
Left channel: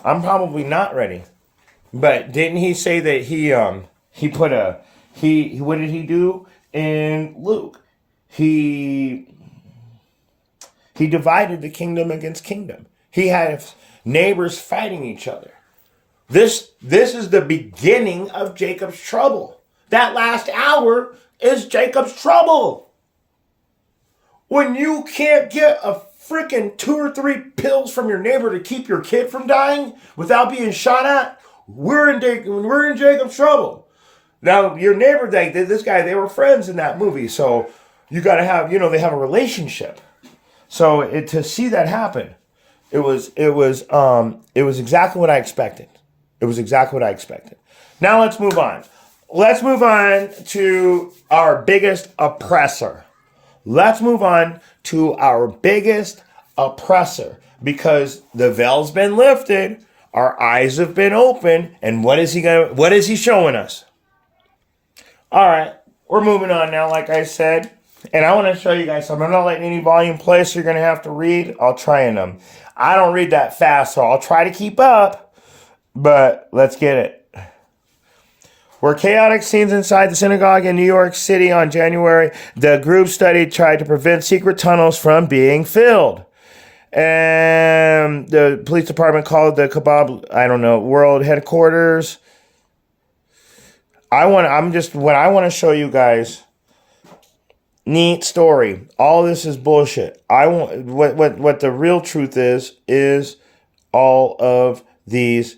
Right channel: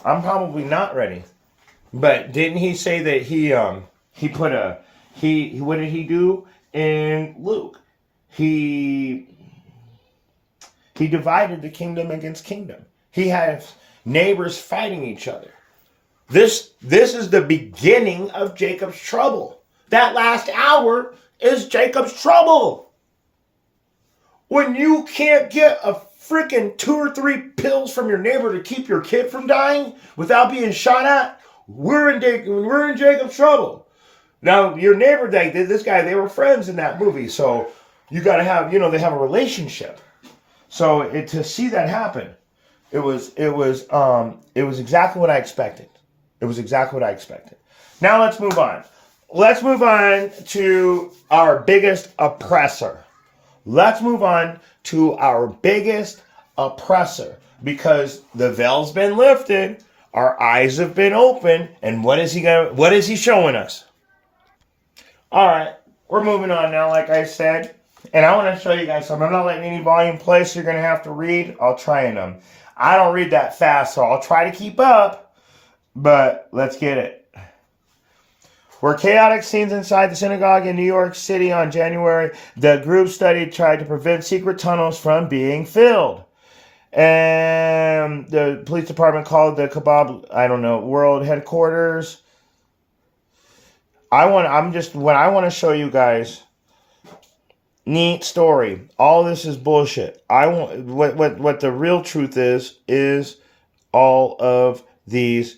I'm probably not ready. But didn't he say that he put a he what did he do in Luke? He divided the kingdom against kingdom. He had neighbors fighting each other. This is the beginning of Jacob's trouble. That last hour is Jacob's trouble. When you can't get a freaking 2 or 3 pills from your neighbor to keep your kid from dying without being shot at, we're in Jacob's trouble. Now, your neighbor, this guy, they were friends in that movie, so you got to have, they have a relationship. So to see that happen, it was exactly what I expected. It was exactly what I expected. Now let's move on. Let's move on to our biggest oppressor. Let's move on to our biggest oppressor, because the veil's been lifted, our eyes have been opened, and what is he showing us? All right, we're moving on now, like I said, and I want to show you guys something. I'm not letting any volume play, so you're going to have to read. I'll try and I don't read that fast, so I'll try to keep up. But let's get it. Were chaotic scenes inside the synagogue in New York City on January. The group study tried to prevent secret tunnels from being filled. And the police department called the kebab, world headquarters. What I want to show you guys. Neat story. All this is bullshit. What the real truth is all of these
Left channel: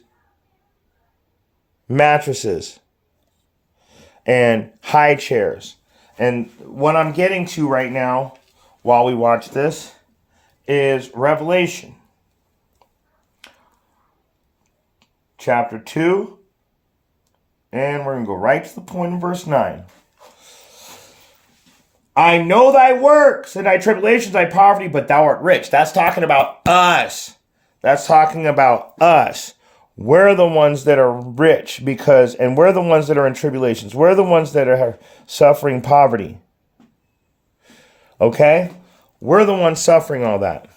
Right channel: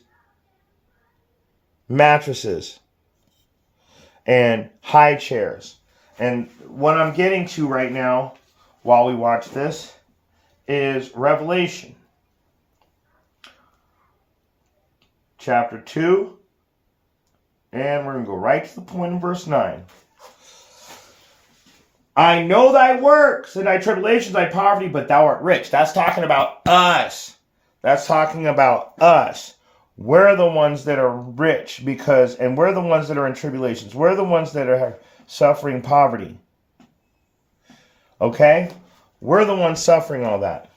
mattresses and high chairs. And what I'm getting to right now while we watch this is Revelation chapter 2, and we're going to go right to the point in verse 9. I know thy works and thy tribulations, thy poverty, but thou art rich. That's talking about us. That's talking about us. We're the ones that are rich and we're the ones that are in tribulations. We're the ones that are suffering poverty. Okay? We're the ones suffering all that.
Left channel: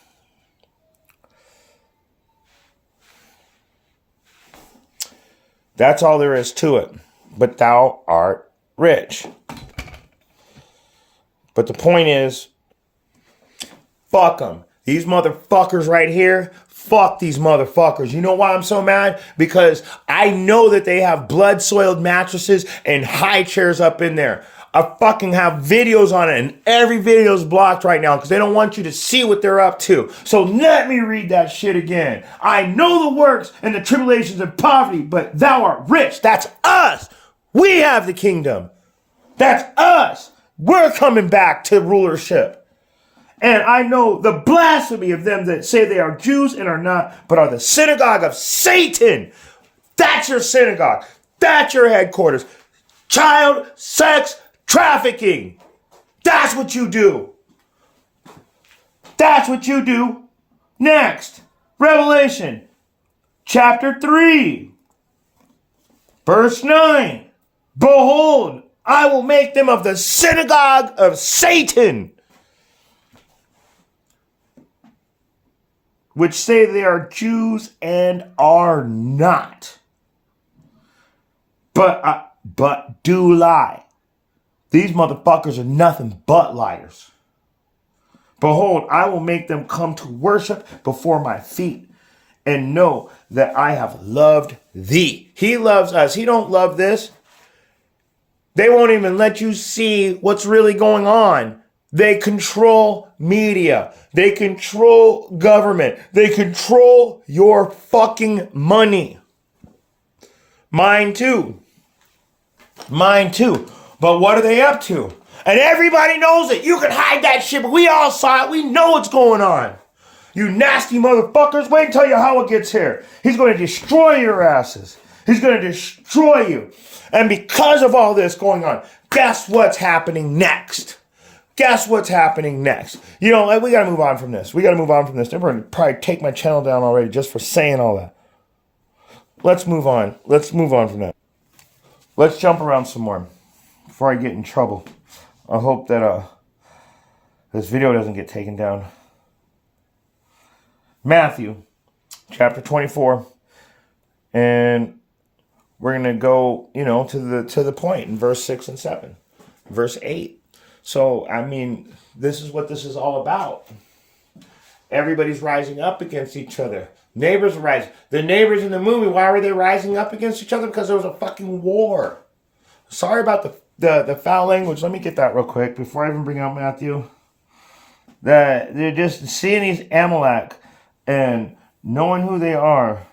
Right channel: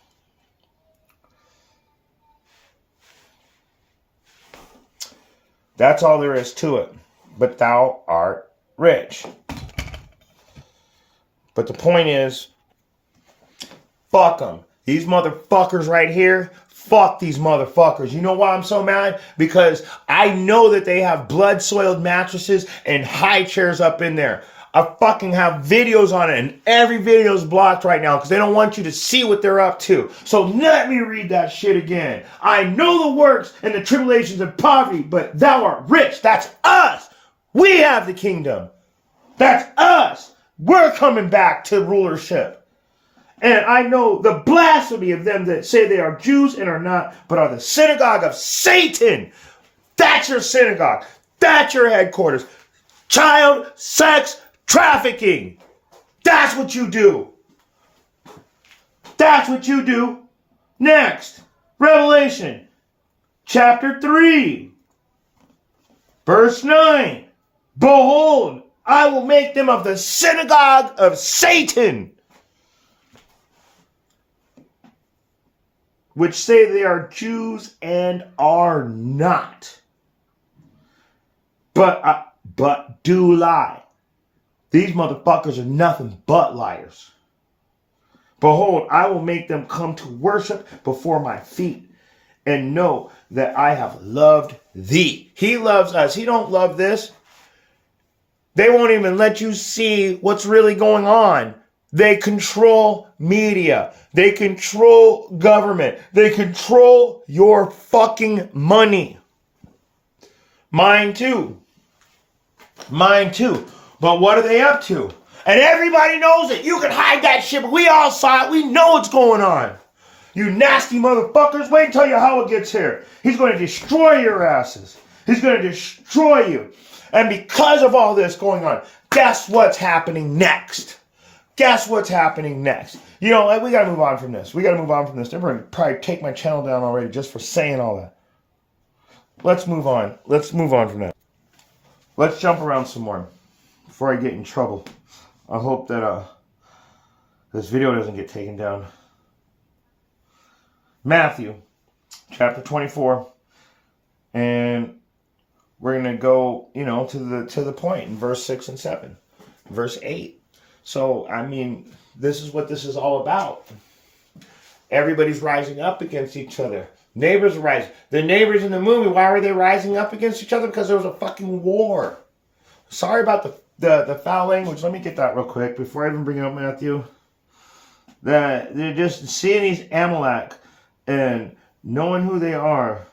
That's all there is to it. But thou art rich. But the point is, fuck them. These motherfuckers right here, fuck these motherfuckers. You know why I'm so mad? Because I know that they have blood-soiled mattresses and high chairs up in there. I fucking have videos on it, and every video is blocked right now because they don't want you to see what they're up to. So let me read that shit again. I know the works and the tribulations and poverty, but thou art rich. That's us. We have the kingdom. That's us. We're coming back to rulership. And I know the blasphemy of them that say they are Jews and are not, but are the synagogue of Satan. That's your synagogue. That's your headquarters. Child sex trafficking. That's what you do. That's what you do. Next, Revelation chapter 3, verse 9. Behold, I will make them of the synagogue of Satan, which say they are Jews and are not, but do lie. These motherfuckers are nothing but liars. Behold, I will make them come to worship before my feet and know that I have loved thee. He loves us. He don't love this. They won't even let you see what's really going on. They control media. They control government. They control your fucking money. Mine too. Mine too. But what are they up to? And everybody knows it. You can hide that shit, but we all saw it. We know what's going on. You nasty motherfuckers. Wait until your Howard gets here. He's going to destroy your asses. He's going to destroy you. And because of all this going on, guess what's happening next? Guess what's happening next? You know, we got to move on from this. They're going to probably take my channel down already just for saying all that. Let's move on. Let's move on from that. Let's jump around some more before I get in trouble. I hope that This video doesn't get taken down. Matthew chapter 24. And we're going to go, to the point in verse 6 and 7. Verse 8. So, I mean, this is what this is all about. Everybody's rising up against each other. Neighbors are rising. The neighbors in the movie, why were they rising up against each other? Because there was a fucking war. Sorry about the foul language. Let me get that real quick before I even bring up Matthew. They're just seeing these Amalek and knowing who they are.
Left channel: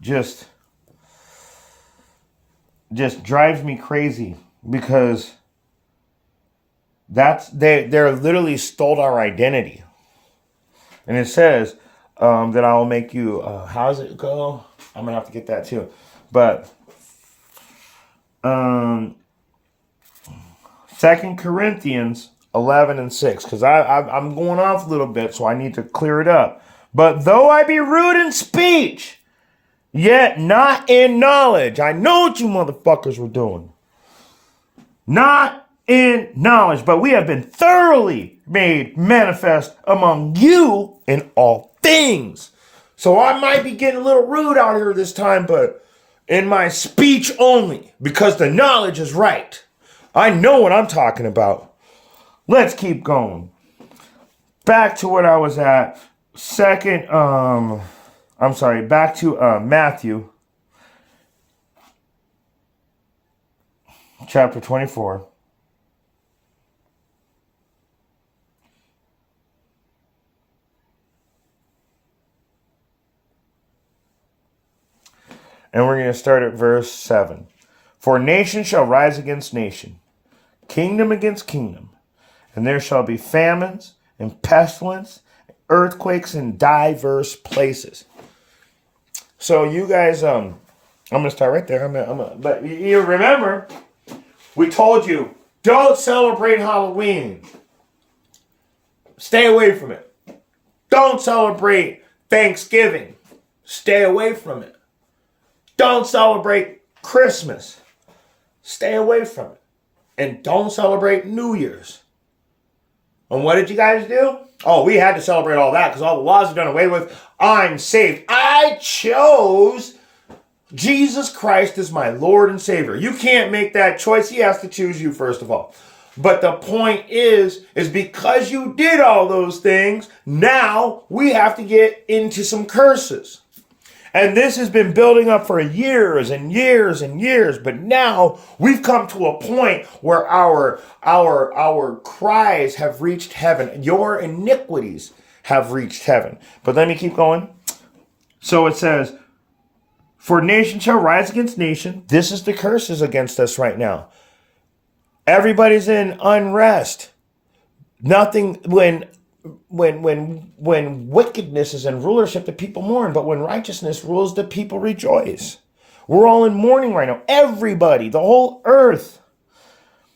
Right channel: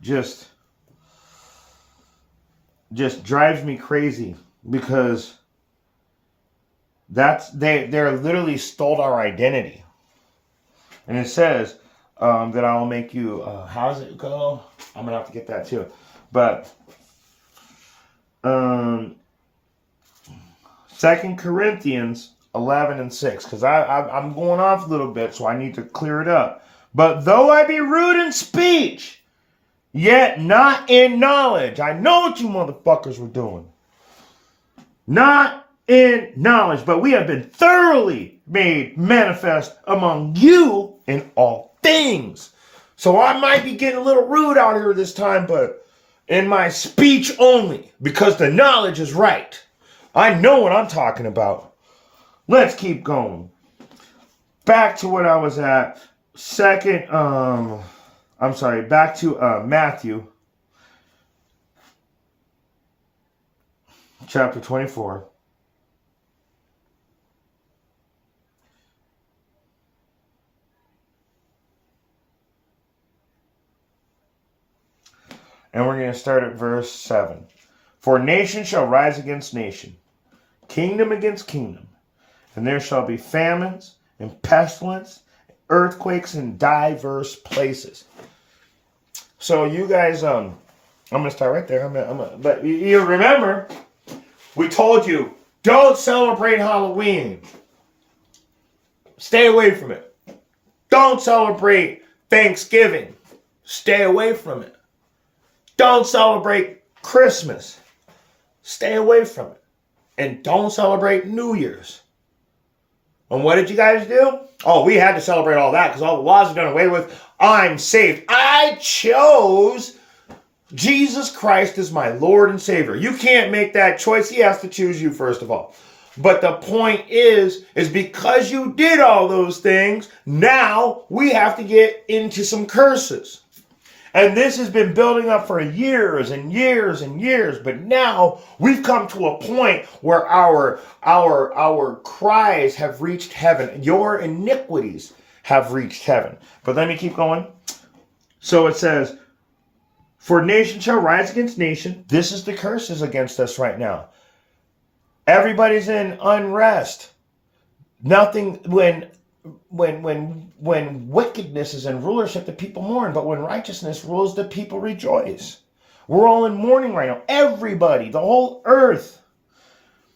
Just drives me crazy because they're literally stole our identity. And it says that I will make you, how does it go? I'm going to have to get that too. But 2 Corinthians 11 and 6, because I'm going off a little bit, so I need to clear it up. But though I be rude in speech, yet not in knowledge. I know what you motherfuckers were doing. Not in knowledge, but we have been thoroughly made manifest among you in all things. So I might be getting a little rude out here this time, but in my speech only, because the knowledge is right. I know what I'm talking about. Let's keep going. Back to what I was at. Back to Matthew chapter 24. And we're going to start at verse 7. For nation shall rise against nation, kingdom against kingdom, and there shall be famines and pestilence, earthquakes in diverse places. So you guys, I'm going to start right there. But you remember, we told you, don't celebrate Halloween. Stay away from it. Don't celebrate Thanksgiving. Stay away from it. Don't celebrate Christmas. Stay away from it. And don't celebrate New Year's. And what did you guys do? Oh, we had to celebrate all that because all the laws are done away with. I'm saved. I chose Jesus Christ as my Lord and Savior. You can't make that choice. He has to choose you first of all. But the point is because you did all those things, now we have to get into some curses. And this has been building up for years and years and years. But now we've come to a point where our cries have reached heaven. Your iniquities have reached heaven. But let me keep going. So it says, for nation shall rise against nation. This is the curses against us right now. Everybody's in unrest. Nothing, when wickedness is in rulership, the people mourn. But when righteousness rules, the people rejoice. We're all in mourning right now. Everybody, the whole earth.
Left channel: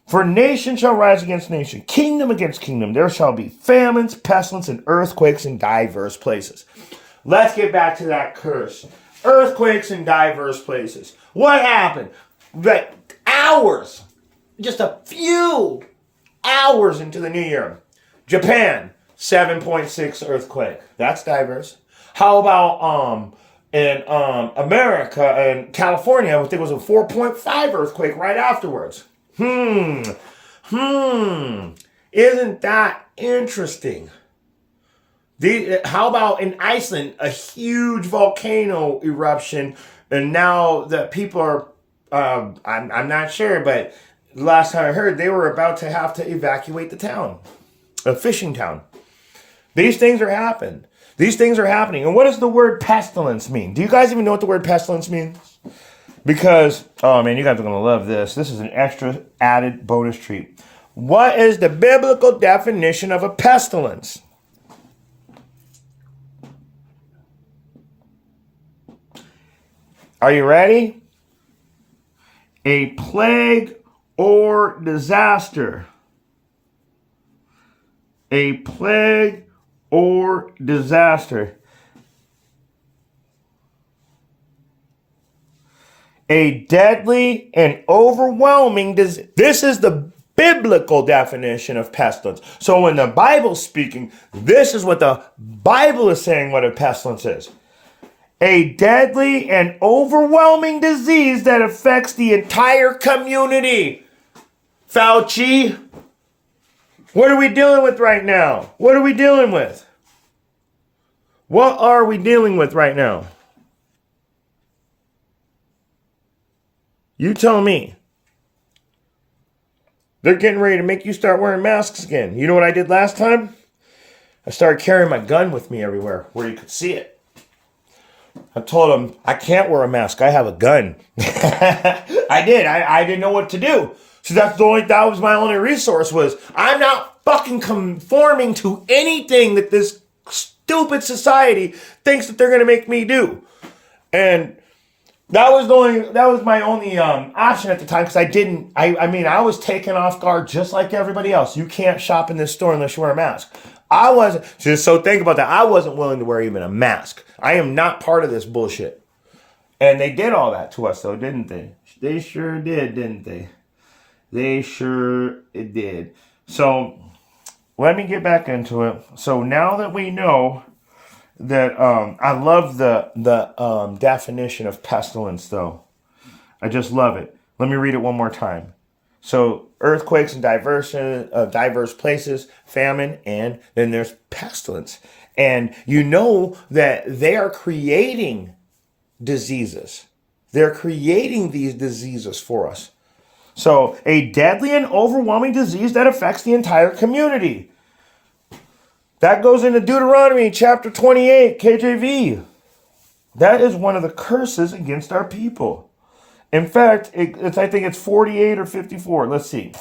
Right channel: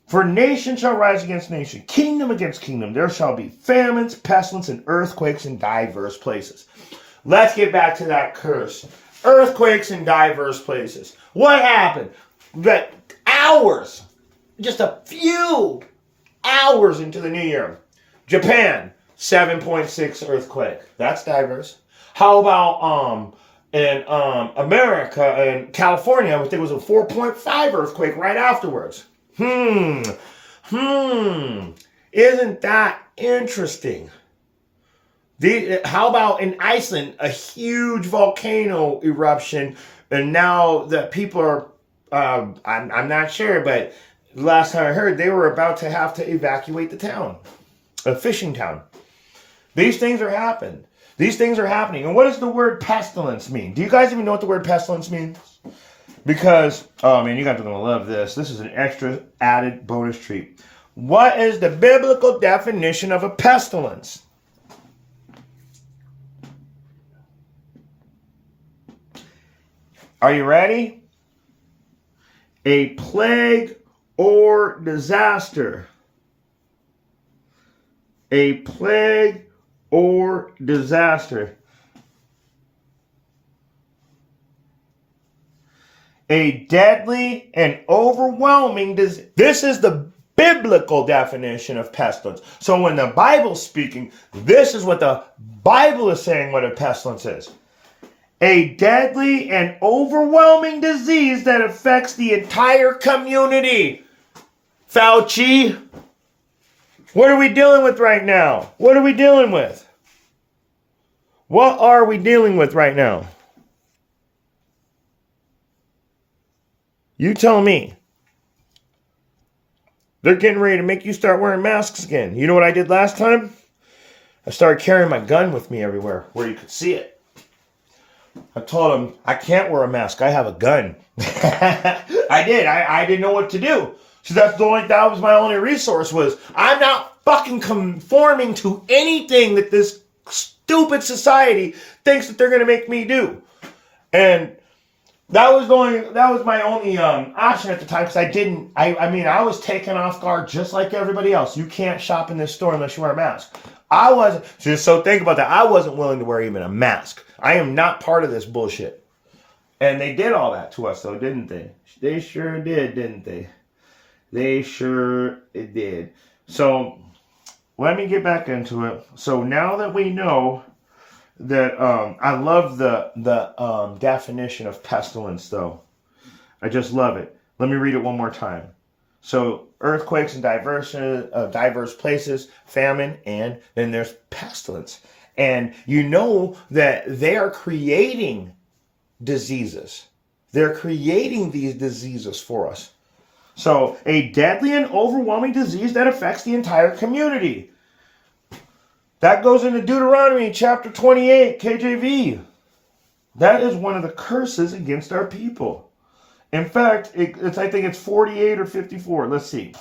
For nation shall rise against nation, kingdom against kingdom. There shall be famines, pestilence, and earthquakes in diverse places. Let's get back to that curse. Earthquakes in diverse places. What happened? That hours, just a few hours into the new year, Japan, 7.6 earthquake. That's diverse. How about in America, in California, I think it was a 4.5 earthquake right afterwards. Isn't that interesting? How about in Iceland, a huge volcano eruption, and now the people are, I'm not sure, but last time I heard, they were about to have to evacuate the town, a fishing town. These things are happening. These things are happening. And what does the word pestilence mean? Do you guys even know what the word pestilence means? Because, oh man, you guys are going to love this. This is an extra added bonus treat. What is the biblical definition of a pestilence? Are you ready? A plague or disaster. A plague or disaster. A deadly and overwhelming disease. This is the biblical definition of pestilence. So when the Bible's speaking, this is what the Bible is saying what a pestilence is. A deadly and overwhelming disease that affects the entire community. Fauci, what are we dealing with right now? What are we dealing with? What are we dealing with right now? You tell me. They're getting ready to make you start wearing masks again. You know what I did last time? I started carrying my gun with me everywhere where you could see it. I told them, I can't wear a mask. I have a gun. I did. I didn't know what to do. So that was my only resource was, I'm not fucking conforming to anything that this stupid society thinks that they're going to make me do. And that was my only option at the time, because I was taken off guard just like everybody else. You can't shop in this store unless you wear a mask. I wasn't, so think about that. I wasn't willing to wear even a mask. I am not part of this bullshit. And they did all that to us though, didn't they? They sure did, didn't they? They sure did. So let me get back into it. So now that we know that, I love the definition of pestilence though. I just love it. Let me read it one more time. So earthquakes in diverse places, famine, and then there's pestilence. And you know that they are creating diseases. They're creating these diseases for us. So a deadly and overwhelming disease that affects the entire community. That goes into Deuteronomy chapter 28, KJV. That is one of the curses against our people. In fact, I think it's 48 or 54. Let's see.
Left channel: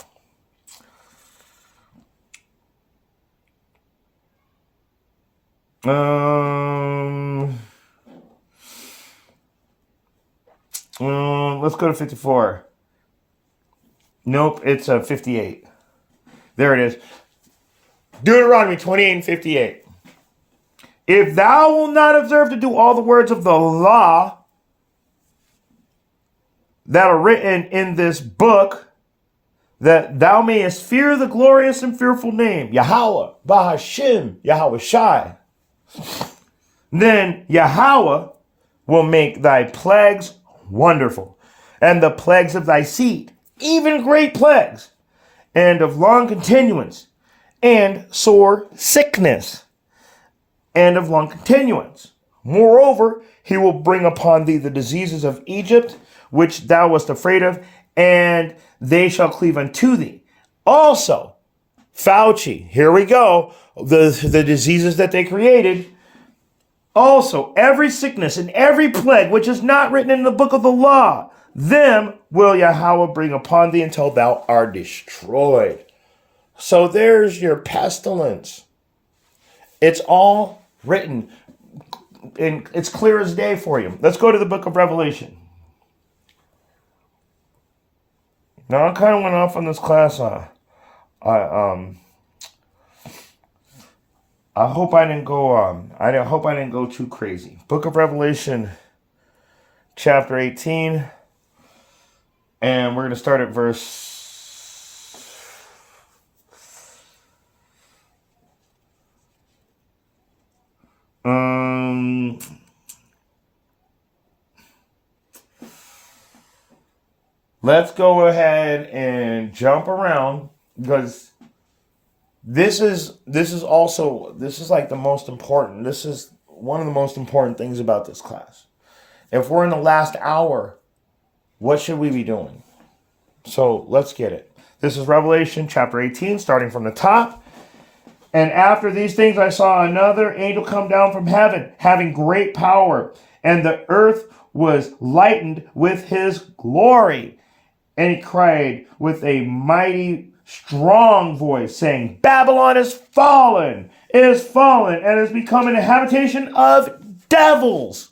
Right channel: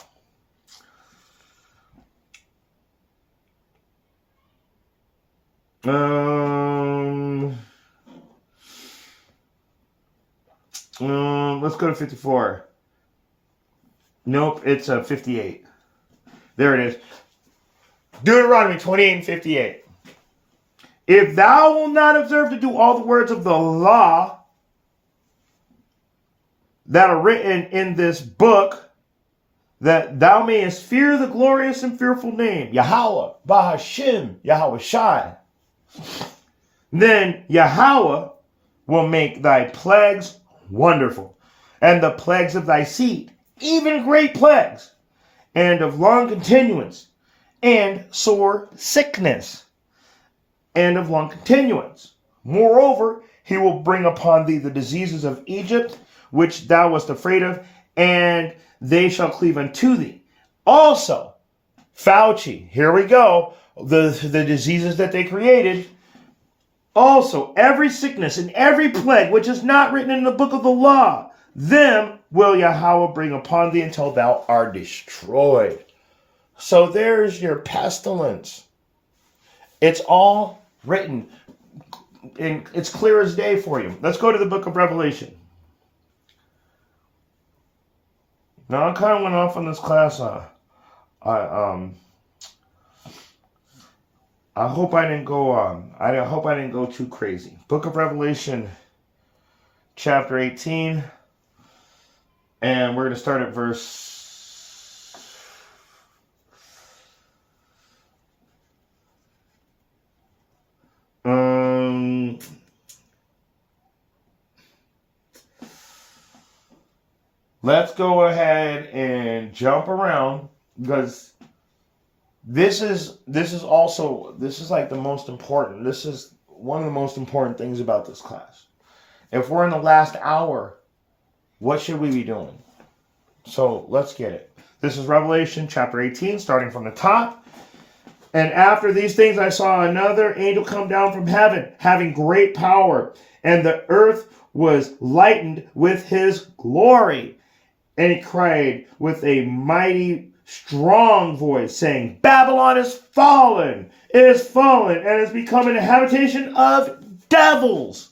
Let's go to 54. Nope, it's 58. There it is. Deuteronomy 28 and 58. If thou wilt not observe to do all the words of the law that are written in this book, that thou mayest fear the glorious and fearful name, Yahweh, Bahashim, Yahweh Shai, then Yahweh will make thy plagues wonderful, and the plagues of thy seed, even great plagues, and of long continuance, and sore sickness, and of long continuance. Moreover, he will bring upon thee the diseases of Egypt, which thou wast afraid of, and they shall cleave unto thee. Also, Fauci, here we go, the diseases that they created. Also, every sickness and every plague which is not written in the book of the law, them will Yahweh bring upon thee until thou art destroyed. So there's your pestilence. It's all written, and it's clear as day for you. Let's go to the book of Revelation. Now I kind of went off on this class. I hope I didn't go. I hope I didn't go too crazy. Book of Revelation, chapter 18, and we're going to start at verse. Let's go ahead and jump around, because this is like the most important. This is one of the most important things about this class. If we're in the last hour, what should we be doing? So let's get it. This is Revelation chapter 18, starting from the top. And after these things, I saw another angel come down from heaven, having great power, and the earth was lightened with his glory. And he cried with a mighty, strong voice, saying, Babylon is fallen, it is fallen, and has become a habitation of devils.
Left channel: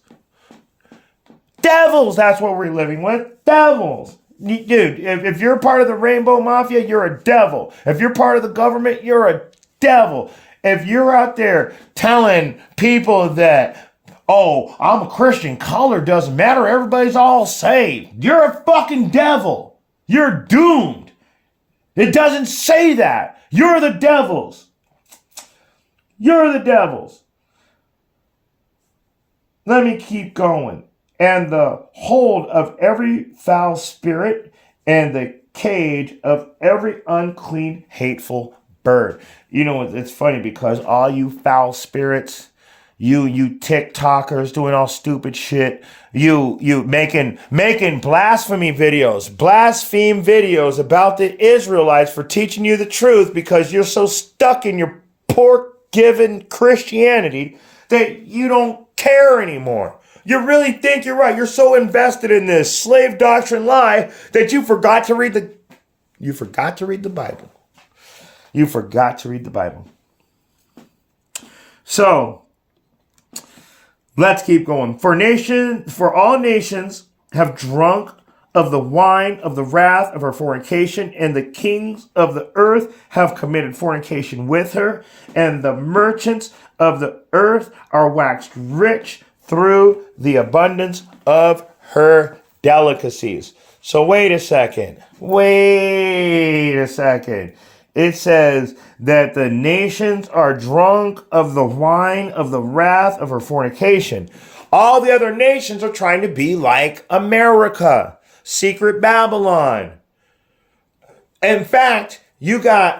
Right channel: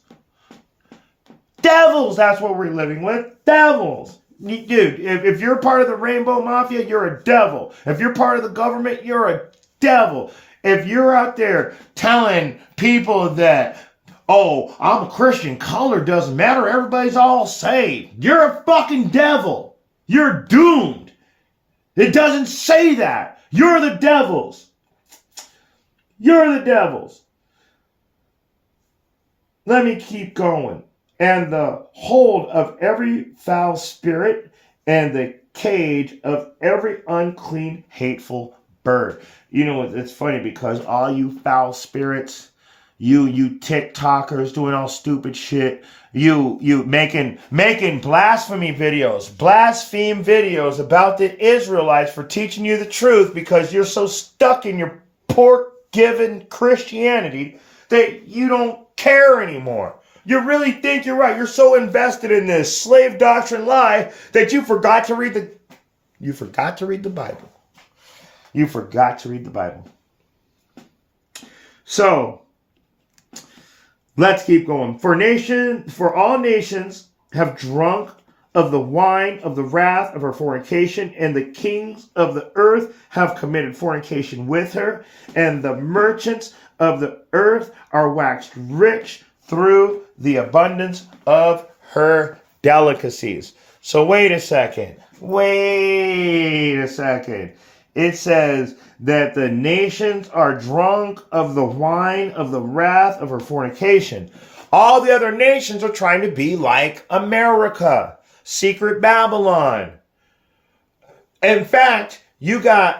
Devils, that's what we're living with. Devils. Dude, if you're part of the Rainbow Mafia, you're a devil. If you're part of the government, you're a devil. If you're out there telling people that, oh, I'm a Christian, color doesn't matter, everybody's all saved, you're a fucking devil. You're doomed. It doesn't say that. You're the devils. You're the devils. Let me keep going. And the hold of every foul spirit and the cage of every unclean, hateful bird. You know, it's funny because all you foul spirits, you TikTokers doing all stupid shit, you making blasphemy videos, blaspheme videos about the Israelites for teaching you the truth because you're so stuck in your pork-given Christianity that you don't care anymore. You really think you're right. You're so invested in this slave doctrine lie that you forgot to read the Bible. You forgot to read the Bible. So, let's keep going. For all nations have drunk of the wine of the wrath of her fornication, and the kings of the earth have committed fornication with her, and the merchants of the earth are waxed rich through the abundance of her delicacies. So wait a second. It says that the nations are drunk of the wine of the wrath of her fornication. All the other nations are trying to be like America, secret Babylon. In fact, you got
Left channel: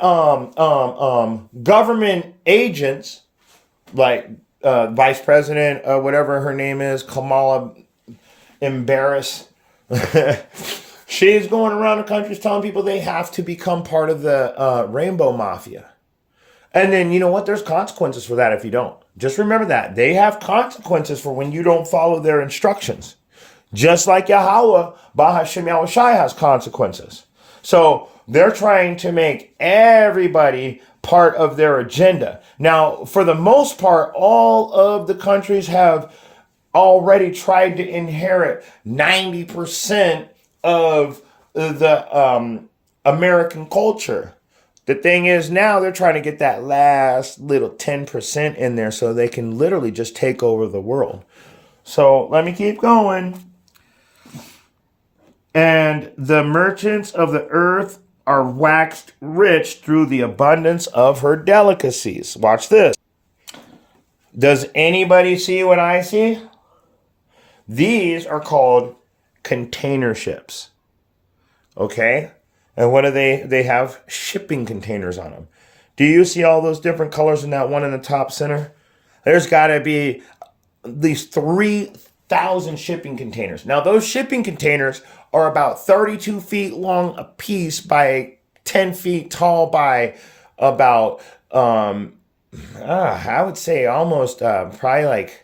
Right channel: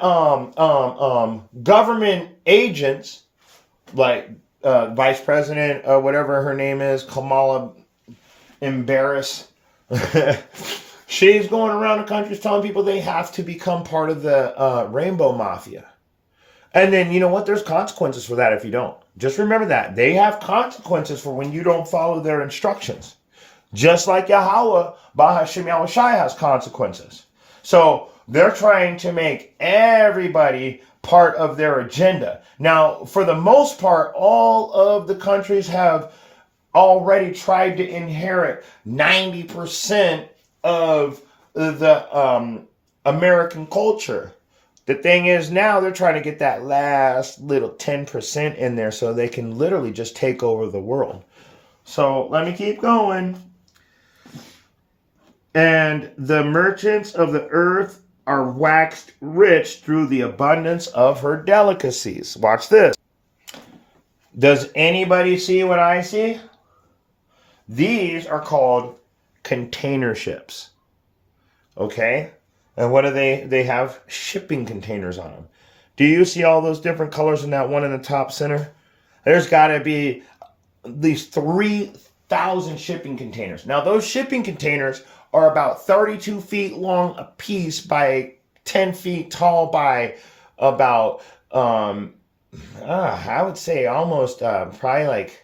government agents like Vice President, whatever her name is, Kamala Embarrass. She's going around the country telling people they have to become part of the Rainbow Mafia. And then, you know what? There's consequences for that if you don't. Just remember that. They have consequences for when you don't follow their instructions. Just like Yahweh, Bahashem Yahushai has consequences. So they're trying to make everybody part of their agenda. Now, for the most part, all of the countries have already tried to inherit 90% of the American culture. The thing is now they're trying to get that last little 10% in there so they can literally just take over the world. So let me keep going. And the merchants of the earth are waxed rich through the abundance of her delicacies. Watch this. Does anybody see what I see? These are called container ships. Okay? And what do they have? Shipping containers on them. Do you see all those different colors in that one in the top center? There's got to be at least 3,000 shipping containers. Now, those shipping containers are about 32 feet long a piece by 10 feet tall by about, I would say almost probably like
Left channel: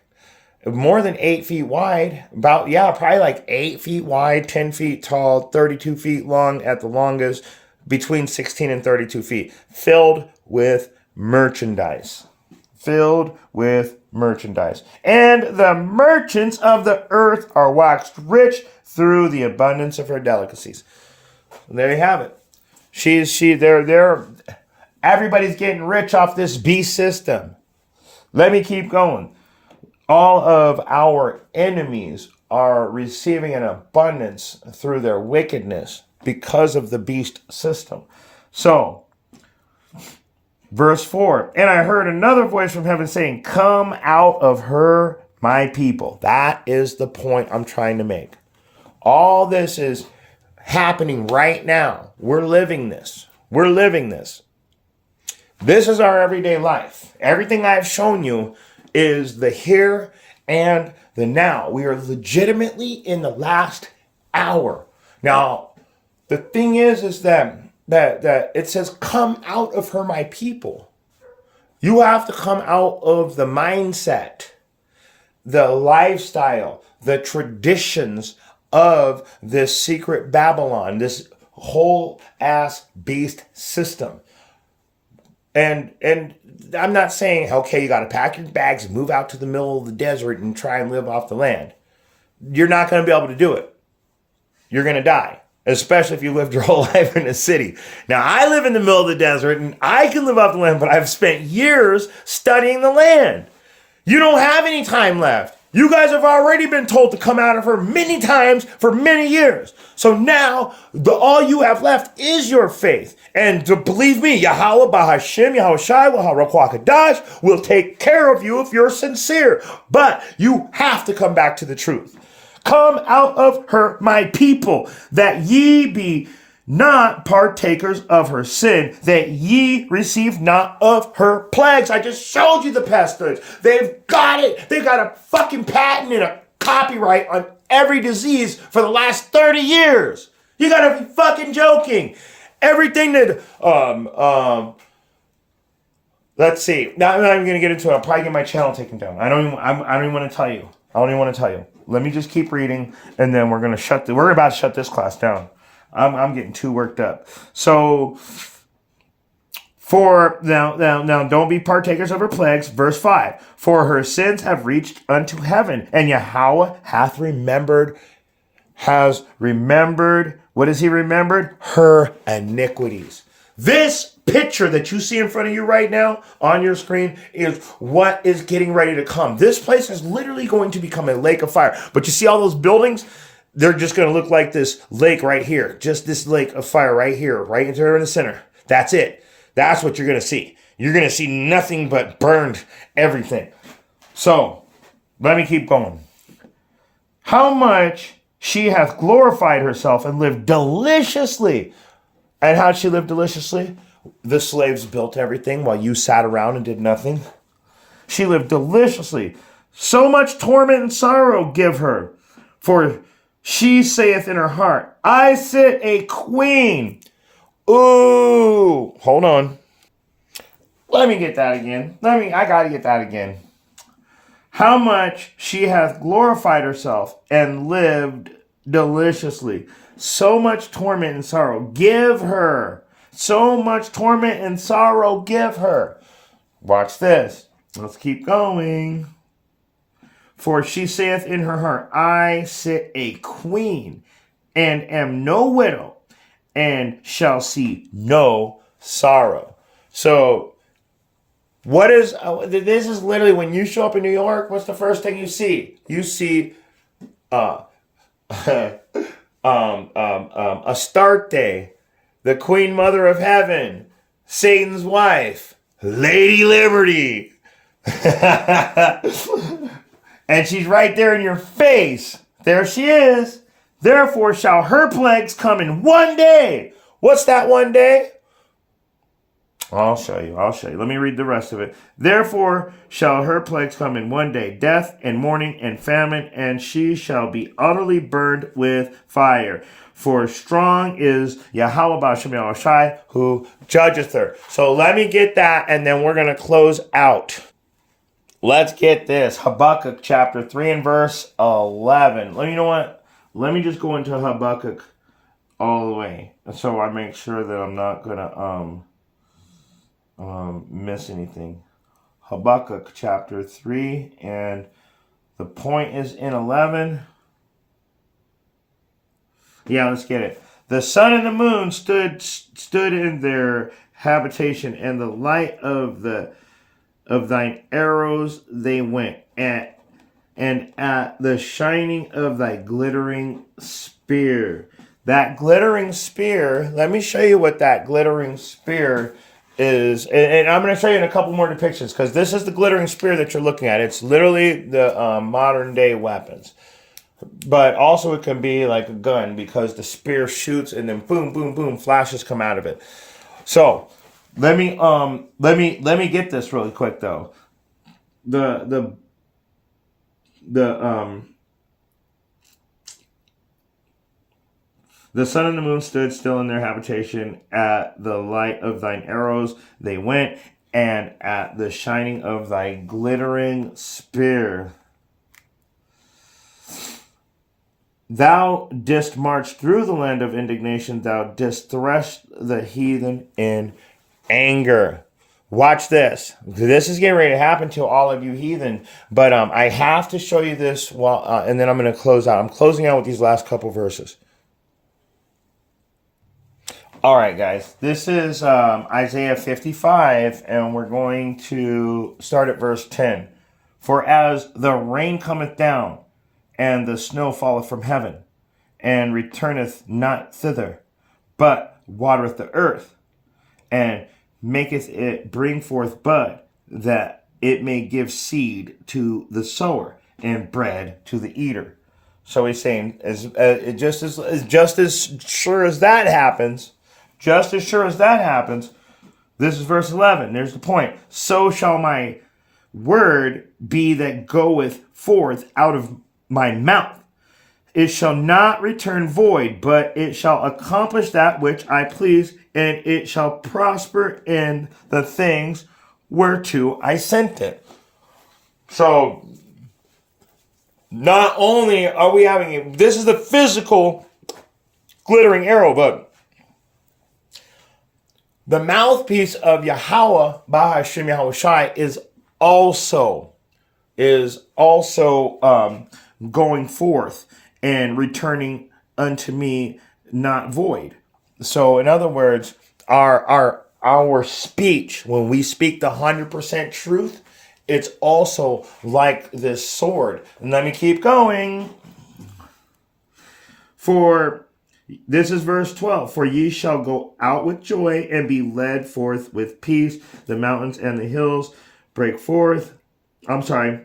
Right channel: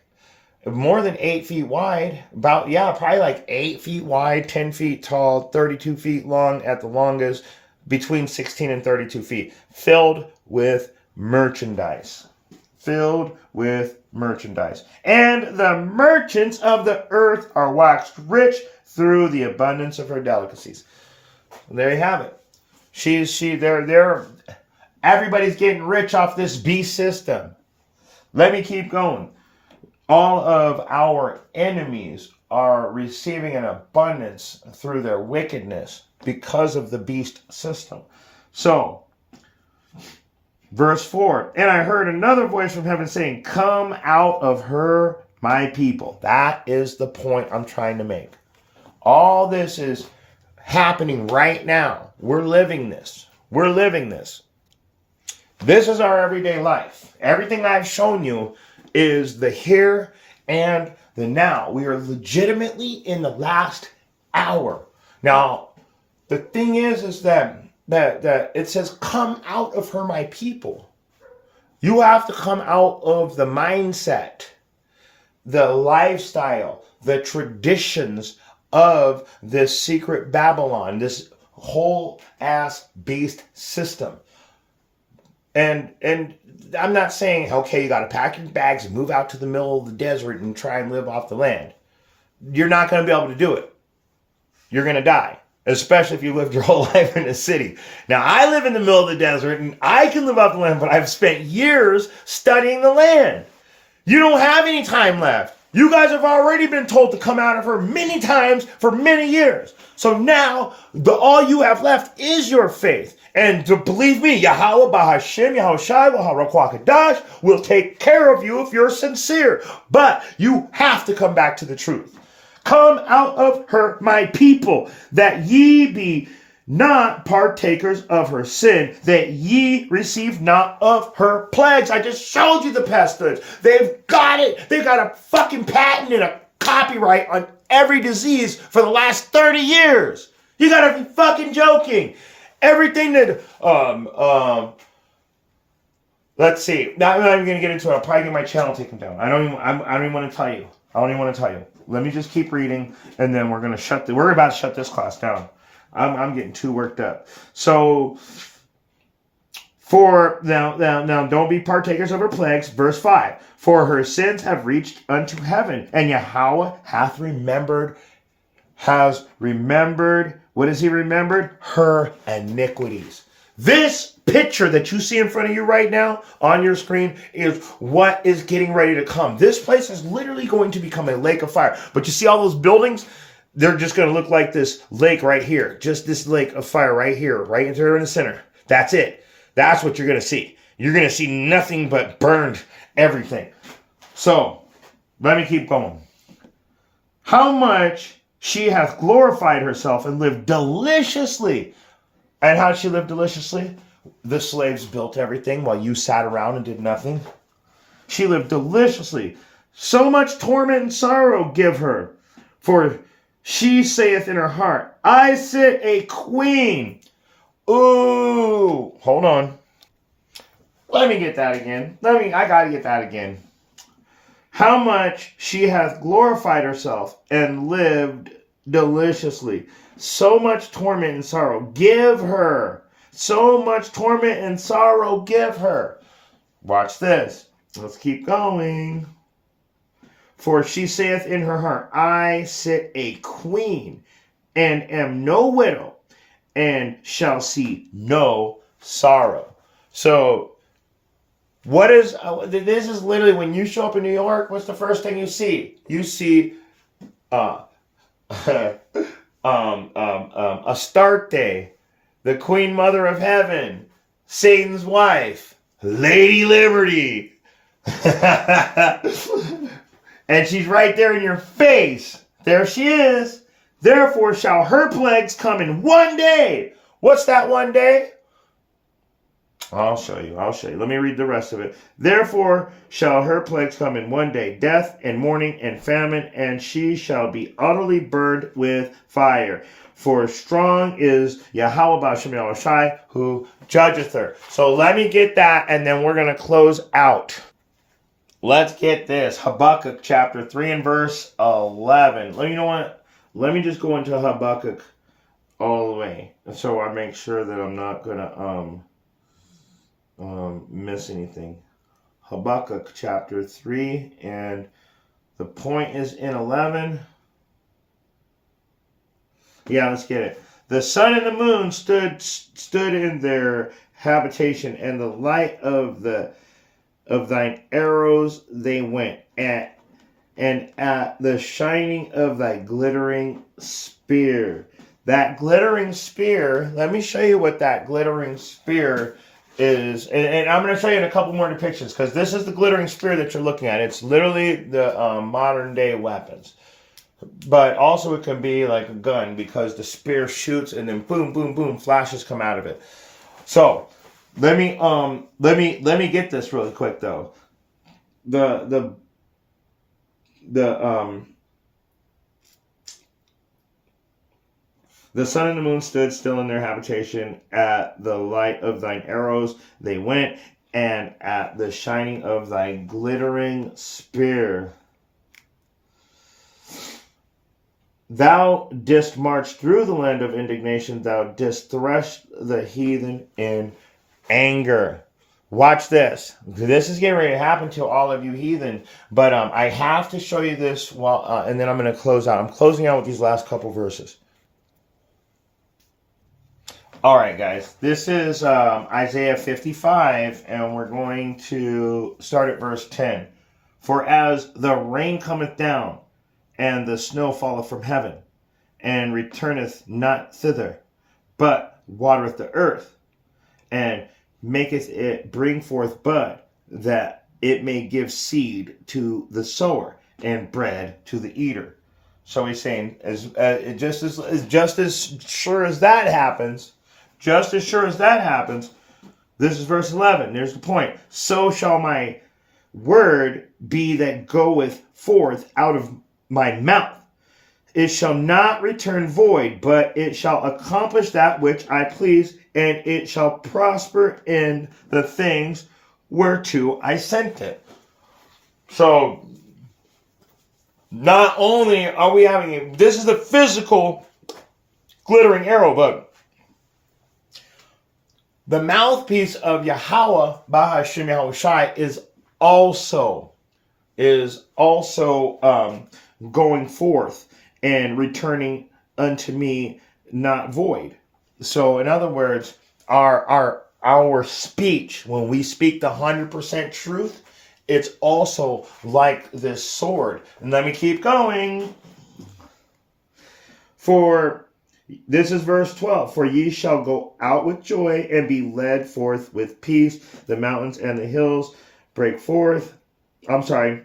more than 8 feet wide. Probably like 8 feet wide, 10 feet tall, 32 feet long at the longest, between 16 and 32 feet, filled with merchandise. And the merchants of the earth are waxed rich through the abundance of her delicacies. And there you have it. Everybody's getting rich off this beast system. Let me keep going. All of our enemies are receiving an abundance through their wickedness because of the beast system. So, verse 4, and I heard another voice from heaven saying, come out of her, my people. That is the point I'm trying to make. All this is happening right now. We're living this. This is our everyday life. Everything I've shown you is the here and the now. We are legitimately in the last hour. Now, the thing is that it says, come out of her, my people. You have to come out of the mindset, the lifestyle, the traditions of this secret Babylon, this whole ass beast system. And I'm not saying, okay, you got to pack your bags and move out to the middle of the desert and try and live off the land. You're not going to be able to do it. You're going to die, especially if you lived your whole life in a city. Now, I live in the middle of the desert and I can live off the land, but I've spent years studying the land. You don't have any time left. You guys have already been told to come out of her many times for many years. So now, all you have left is your faith. And to believe me, Yahweh, Bahashem, Yahushai, WaharakwaKadash will take care of you if you're sincere. But you have to come back to the truth. Come out of her, my people, that ye be not partakers of her sin, that ye receive not of her plagues. I just showed you the pestilence. They've got it. They've got a fucking patent and a copyright on every disease for the last 30 years. You gotta be fucking joking. Everything that, let's see. Now I'm not even gonna get into it. I'll probably get my channel taken down. I don't even want to tell you. I don't even want to tell you. Let me just keep reading, and then we're about to shut this class down. I'm getting too worked up. So, for now, don't be partakers of her plagues. Verse 5. For her sins have reached unto heaven, and Yahweh has remembered. What has he remembered? Her iniquities. This picture that you see in front of you right now on your screen is what is getting ready to come. This place is literally going to become a lake of fire. But you see all those buildings? They're just going to look like this lake right here. Just this lake of fire right here, right there in the center. That's it. That's what you're going to see. You're going to see nothing but burned everything. So, let me keep going. How much she hath glorified herself and lived deliciously. And how'd she live deliciously? The slaves built everything while you sat around and did nothing. She lived deliciously. So much torment and sorrow give her. For she saith in her heart, I sit a queen. Ooh, hold on. Let me get that again. I gotta get that again. How much she hath glorified herself and lived deliciously. So much torment and sorrow give her. So much torment and sorrow give her. Watch this. Let's keep going. For she saith in her heart, I sit a queen, and am no widow, and shall see no sorrow. So, this is literally when you show up in New York, what's the first thing you see? You see Astarte, the Queen Mother of Heaven, Satan's wife, Lady Liberty. And she's right there in your face. There she is. Therefore shall her plagues come in one day. What's that one day? I'll show you. Let me read the rest of it. Therefore shall her plagues come in one day, death and mourning and famine, and she shall be utterly burned with fire. For strong is Yahweh Ba'Shem Yahushai, who judgeth her. So let me get that, and then we're going to close out. Let's get this. Habakkuk chapter 3 and verse 11. You know what? Let me just go into Habakkuk all the way, so I make sure that I'm not going to miss anything. Habakkuk chapter 3, and the point is in 11. Yeah, let's get it. The sun and the moon stood in their habitation, and the light of thine arrows they went, and at the shining of thy glittering spear. That glittering spear, let me show you what that glittering spear is. And I'm going to show you in a couple more depictions, because this is the glittering spear that you're looking at. It's literally the modern day weapons. But also it can be like a gun, because the spear shoots and then boom, boom, boom, flashes come out of it. So let me get this really quick though. The sun and the moon stood still in their habitation. At the light of thine arrows they went, and at the shining of thy glittering spear. Thou didst march through the land of indignation. Thou didst thresh the heathen in anger. Watch this. This is getting ready to happen to all of you heathen. But I have to show you this, and then I'm going to close out. I'm closing out with these last couple verses. All right, guys. This is Isaiah 55, and we're going to start at verse 10. For as the rain cometh down, and the snow falleth from heaven, and returneth not thither, but watereth the earth, and maketh it bring forth bud, that it may give seed to the sower, and bread to the eater. So he's saying, just as sure as that happens, this is verse 11. There's the point. So shall my word be that goeth forth out of my mouth. It shall not return void, but it shall accomplish that which I please, and it shall prosper in the things whereto I sent it. So, not only are we having this is the physical glittering arrow, but the mouthpiece of Yahweh, Bahashim Yahweh Shai, is also going forth and returning unto me not void. So in other words, our speech, when we speak the 100% truth, it's also like this sword. And let me keep going. For this is verse 12. For ye shall go out with joy and be led forth with peace. The mountains and the hills break forth. I'm sorry.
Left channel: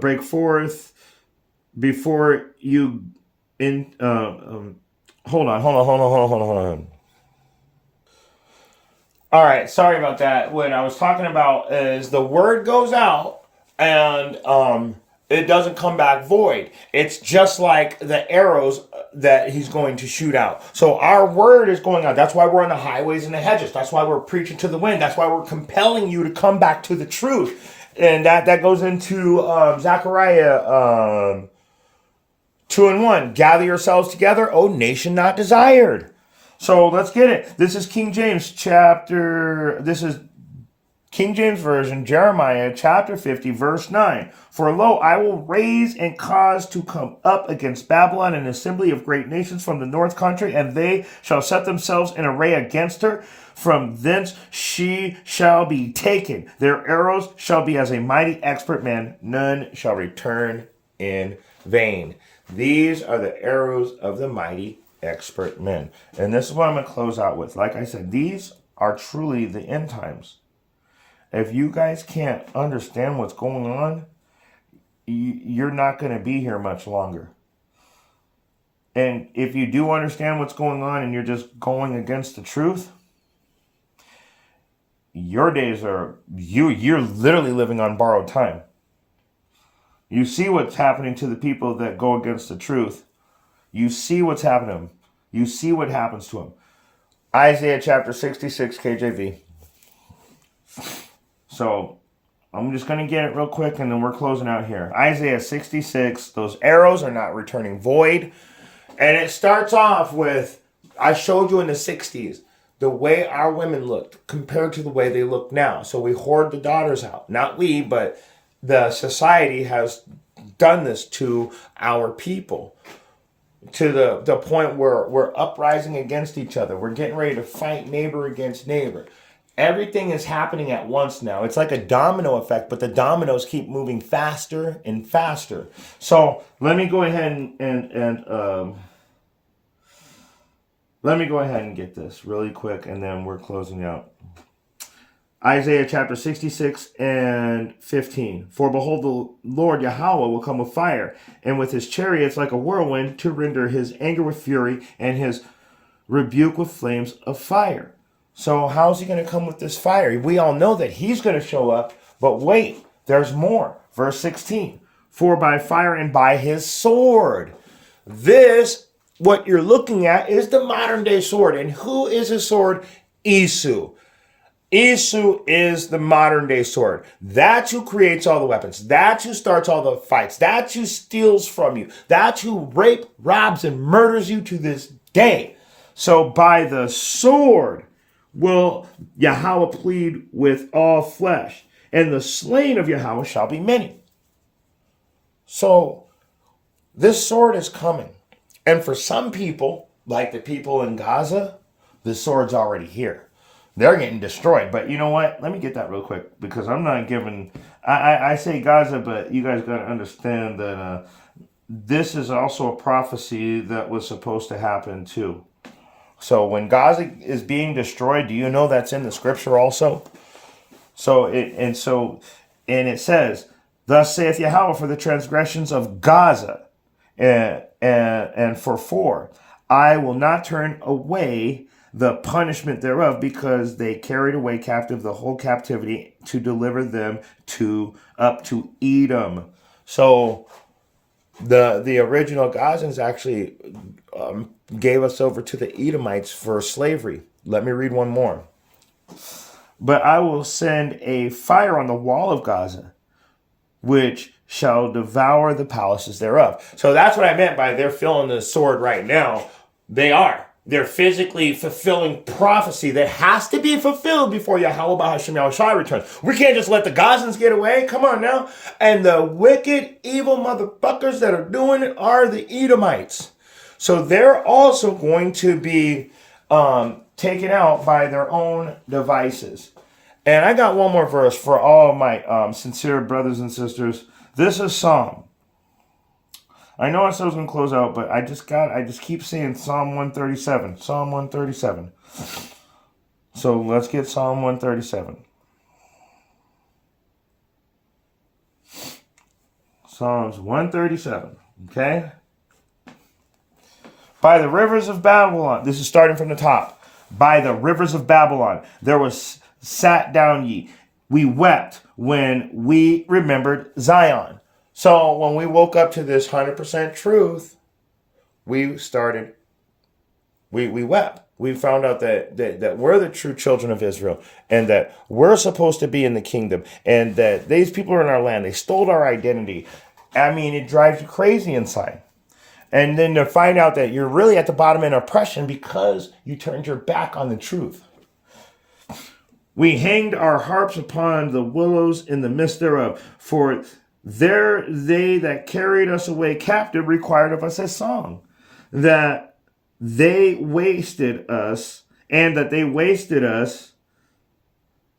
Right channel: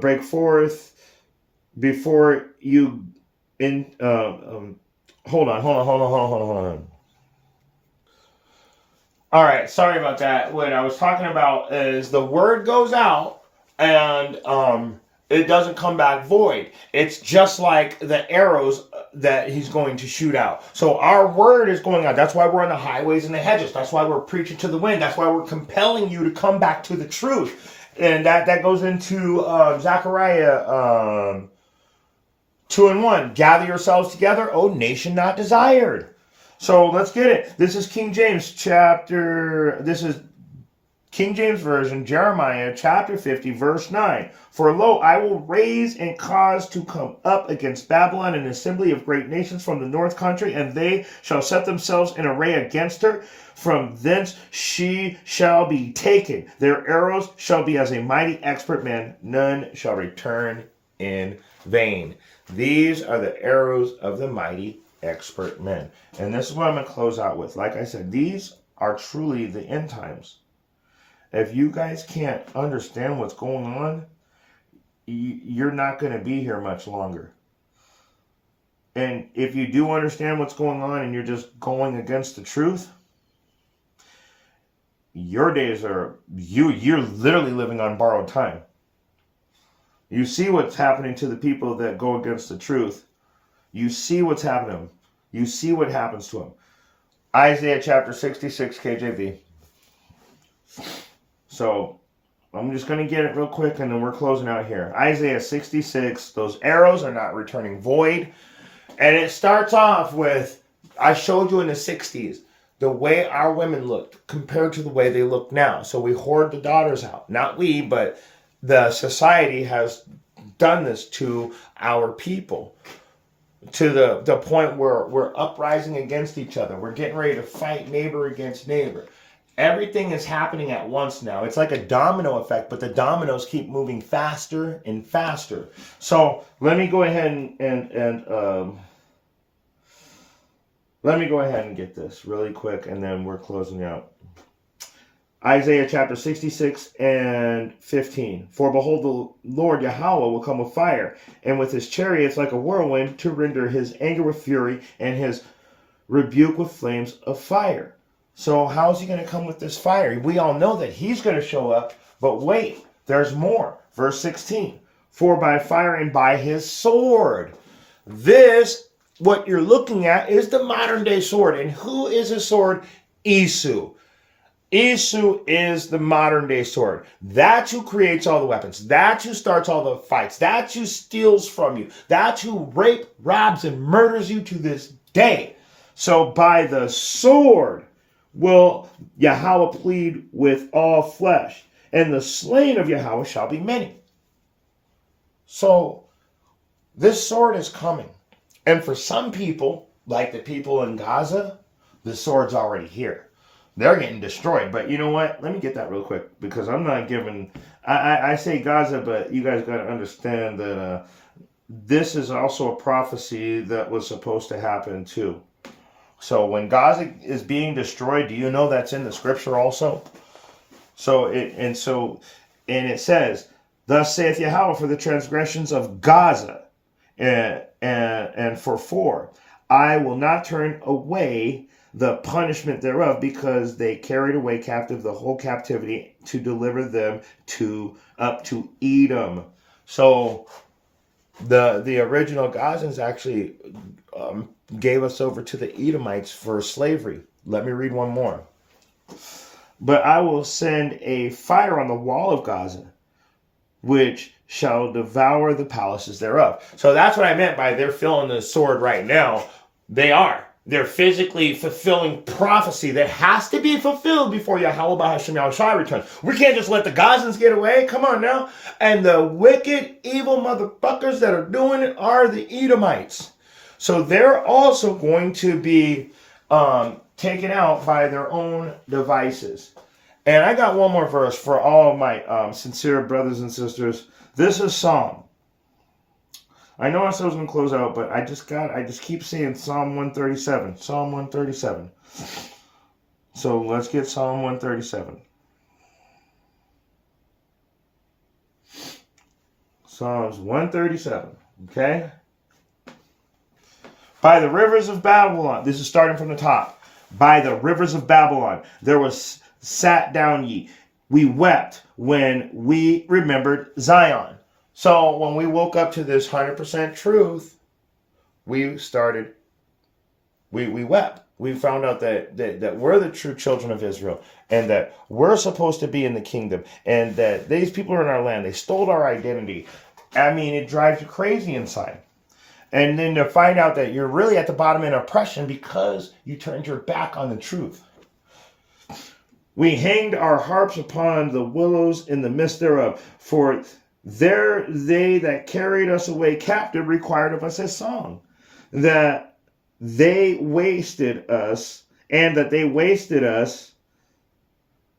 Break forth before you in hold on. All right, sorry about that. What I was talking about is the word goes out and it doesn't come back void. It's just like the arrows that he's going to shoot out. So our word is going out. That's why we're on the highways and the hedges. That's why we're preaching to the wind. That's why we're compelling you to come back to the truth. And that goes into Zechariah 2:1. Gather yourselves together, O nation not desired. So let's get it. This is King James Version, Jeremiah chapter 50, verse 9. For lo, I will raise and cause to come up against Babylon an assembly of great nations from the north country, and they shall set themselves in array against her. From thence she shall be taken. Their arrows shall be as a mighty expert man. None shall return in vain. These are the arrows of the mighty expert men. And this is what I'm going to close out with. Like I said, these are truly the end times. If you guys can't understand what's going on, you're not going to be here much longer. And if you do understand what's going on and you're just going against the truth, your days are, you're literally living on borrowed time. You see what's happening to the people that go against the truth. You see what's happening to them. You see what happens to them. Isaiah chapter 66 KJV. So I'm just going to get it real quick and then we're closing out here. Isaiah 66, those arrows are not returning void. And it starts off with, I showed you in the 60s, the way our women looked compared to the way they look now. So we hoard the daughters out. Not we, but the society has done this to our people. To the point where we're uprising against each other. We're getting ready to fight neighbor against neighbor. Everything is happening at once now. It's like a domino effect, but the dominoes keep moving faster and faster. So let me go ahead and get this really quick, and then we're closing out. Isaiah chapter 66 and 15. For behold, the Lord Yahweh will come with fire, and with his chariots like a whirlwind, to render his anger with fury, and his rebuke with flames of fire. So how's he going to come with this fire? We all know that he's going to show up, but wait, there's more. Verse 16. For by fire and by his sword. This, what you're looking at, is the modern day sword. And who is his sword? Esau. Esau is the modern day sword. That's who creates all the weapons. That's who starts all the fights. That's who steals from you. That's who rapes, robs, and murders you to this day. So by the sword will Yahweh plead with all flesh, and the slain of Yahweh shall be many. So this sword is coming. And for some people, like the people in Gaza, the sword's already here. They're getting destroyed. But you know what? Let me get that real quick because I'm not giving. I say Gaza, but you guys got to understand that this is also a prophecy that was supposed to happen too. So when Gaza is being destroyed, do you know that's in the scripture also? So it says, "Thus saith Yahweh for the transgressions of Gaza, and for 4, I will not turn away the punishment thereof, because they carried away captive the whole captivity to deliver them up to Edom." So the original Gazans actually gave us over to the Edomites for slavery. Let me read one more. "But I will send a fire on the wall of Gaza, which shall devour the palaces thereof." So that's what I meant by they're feeling the sword right now. They are. They're physically fulfilling prophecy that has to be fulfilled before Yahweh B'Hashem Yahushua returns. We can't just let the Gazans get away. Come on now. And the wicked, evil motherfuckers that are doing it are the Edomites. So they're also going to be taken out by their own devices. And I got one more verse for all of my sincere brothers and sisters. This is Psalm. I know I said I was going to close out, but I just keep seeing Psalm 137. Psalm 137. So let's get Psalm 137. Psalms 137. Okay? "By the rivers of Babylon," this is starting from the top. "By the rivers of Babylon, there was sat down ye. We wept when we remembered Zion." So when we woke up to this 100% truth, we wept. We found out that we're the true children of Israel, and that we're supposed to be in the kingdom, and that these people are in our land. They stole our identity. I mean, it drives you crazy inside. And then to find out that you're really at the bottom in oppression because you turned your back on the truth. "We hanged our harps upon the willows in the midst thereof, for there they that carried us away captive required of us a song, that they wasted us, and that they wasted us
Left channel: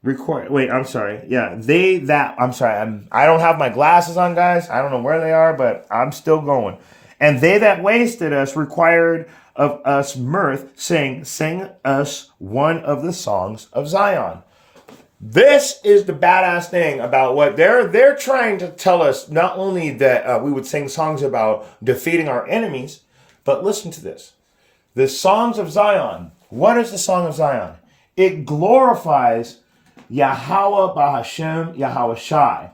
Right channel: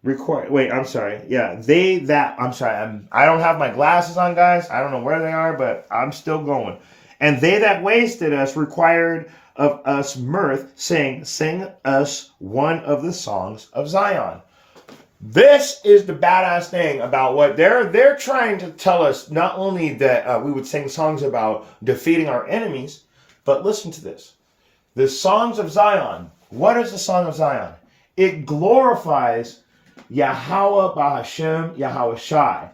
require. Wait, I'm sorry. Yeah, I don't have my glasses on, guys. I don't know where they are, but I'm still going. "And they that wasted us required of us mirth, saying, Sing us one of the songs of Zion." This is the badass thing about what they're trying to tell us. Not only that we would sing songs about defeating our enemies, but listen to this. The songs of Zion. What is the song of Zion? It glorifies Yahweh B'Hashem Yahushai.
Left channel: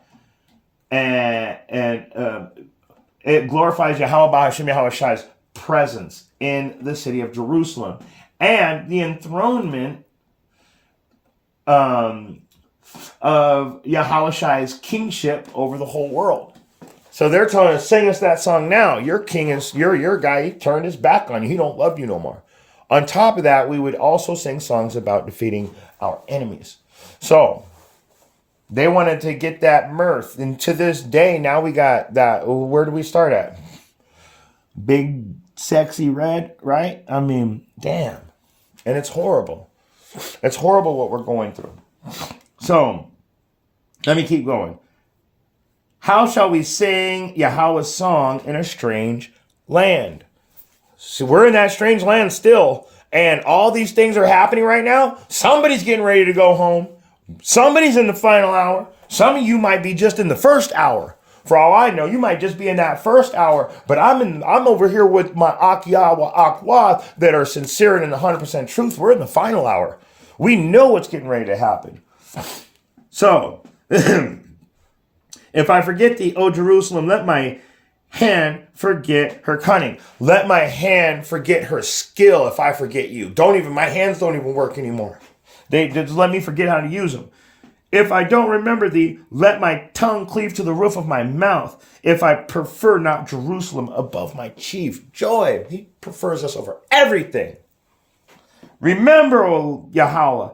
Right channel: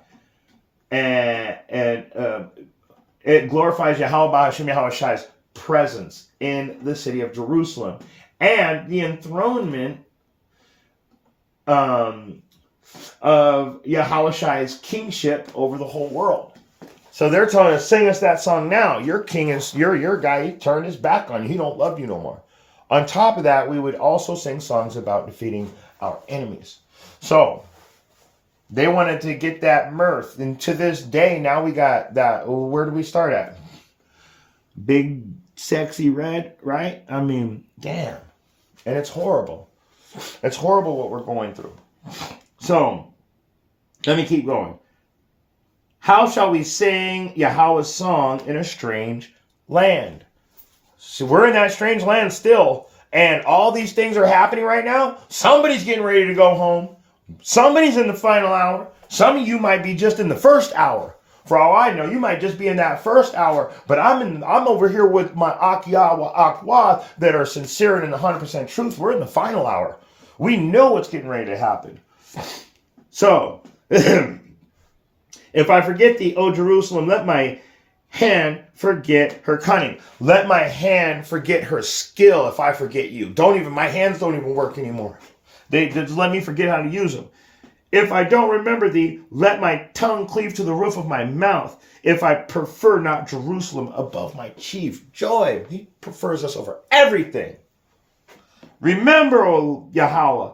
And it glorifies Yahweh B'Hashem Yahushai's presence in the city of Jerusalem. And the enthronement of Yahushai's kingship over the whole world. So they're telling us, sing us that song now. Your king is your guy. He turned his back on you. He don't love you no more. On top of that, we would also sing songs about defeating our enemies. So they wanted to get that mirth. And to this day, now we got that. Where do we start at? Big, sexy red, right? I mean, damn. And it's horrible. It's horrible what we're going through. So, let me keep going. "How shall we sing Yahweh's song in a strange land?" So we're in that strange land still, and all these things are happening right now. Somebody's getting ready to go home. Somebody's in the final hour. Some of you might be just in the first hour. For all I know, you might just be in that first hour, but I'm over here with my Akwa that are sincere and in the 100% truth. We're in the final hour. We know what's getting ready to happen. So, "If I forget thee, O Jerusalem, let my hand forget her cunning. Let my hand forget her skill if I forget you." My hands don't even work anymore. They just let me forget how to use them. "If I don't remember thee, let my tongue cleave to the roof of my mouth. If I prefer not Jerusalem above my chief joy." He prefers us over everything. "Remember, O Yahweh,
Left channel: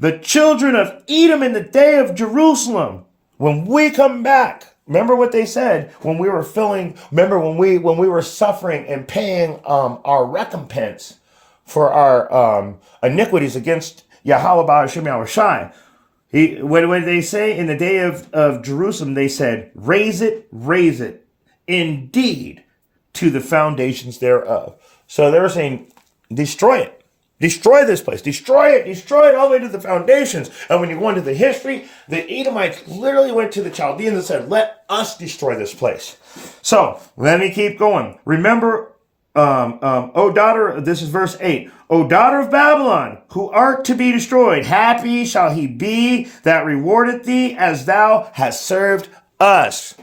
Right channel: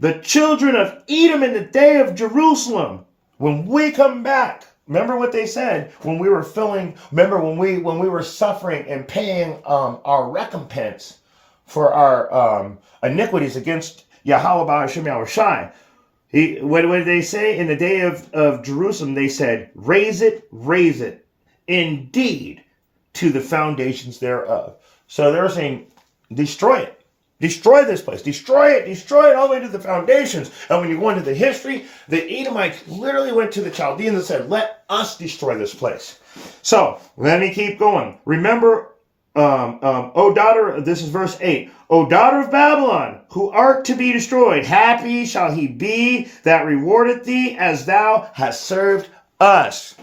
the children of Edom in the day of Jerusalem. When we come back." Remember what they said when we were when we were suffering and paying our recompense for our iniquities against Yahweh Ba'ashem Yahushai. What did they say? In the day of Jerusalem, they said, raise it, indeed, to the foundations thereof. So they were saying, destroy it. Destroy this place. Destroy it all the way to the foundations. And when you go into the history, the Edomites literally went to the Chaldeans and said, let us destroy this place. So let me keep going. Remember, O daughter, this is verse 8. O daughter of Babylon, who art to be destroyed, happy shall he be that rewardeth thee as thou hast served us.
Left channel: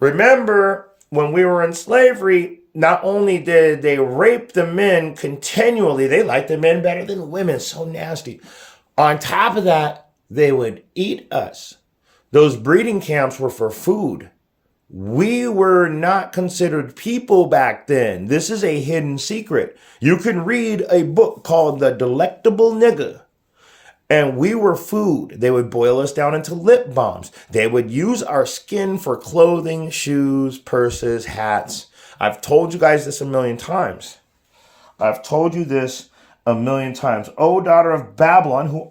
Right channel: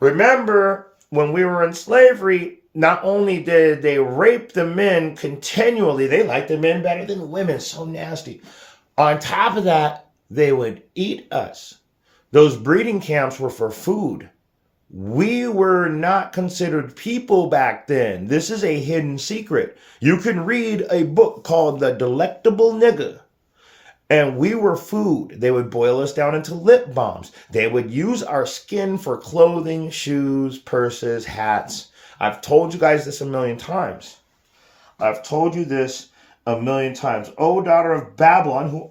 Remember, when we were in slavery, not only did they rape the men continually, they liked the men better than women, so nasty. On top of that, they would eat us. Those breeding camps were for food. We were not considered people back then. This is a hidden secret. You can read a book called The Delectable Nigger. And we were food. They would boil us down into lip balms. They would use our skin for clothing, shoes, purses, hats. I've told you guys this a million times. I've told you this a million times. O daughter of Babylon, who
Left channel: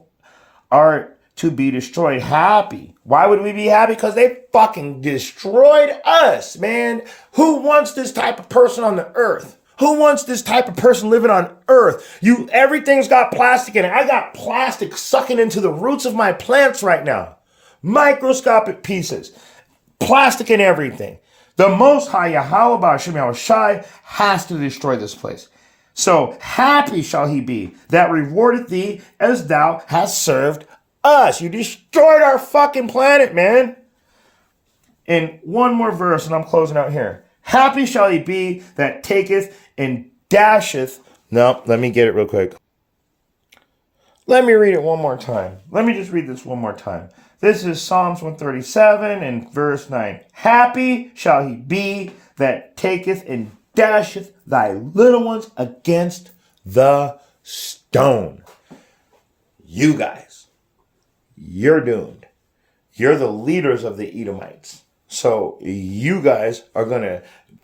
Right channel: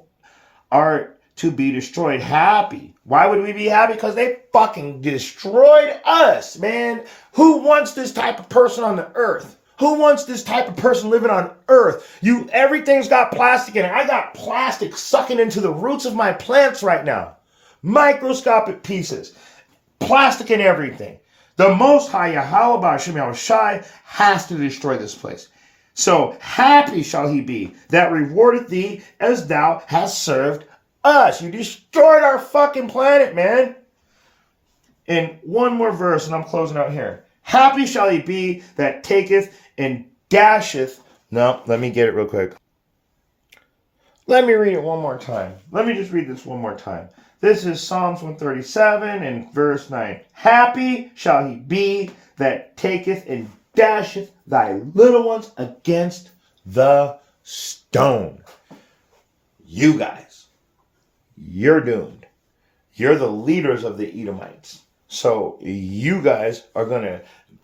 are to be destroyed, happy. Why would we be happy? Because they fucking destroyed us, man. Who wants this type of person on the earth? Who wants this type of person living on earth? Everything's got plastic in it. I got plastic sucking into the roots of my plants right now. Microscopic pieces. Plastic in everything. The Most High Yahweh Ba'ashem Yahushai has to destroy this place. So happy shall he be that rewardeth thee as thou hast served us. You destroyed our fucking planet, man. In one more verse, and I'm closing out here. Happy shall he be that taketh and dasheth. No, let me get it real quick. Let me read it one more time. Let me just read this one more time. This is Psalms 137 and verse 9. Happy shall he be that taketh and dasheth thy little ones against the stone. You guys, you're doomed. You're the leaders of the Edomites. So you guys are going to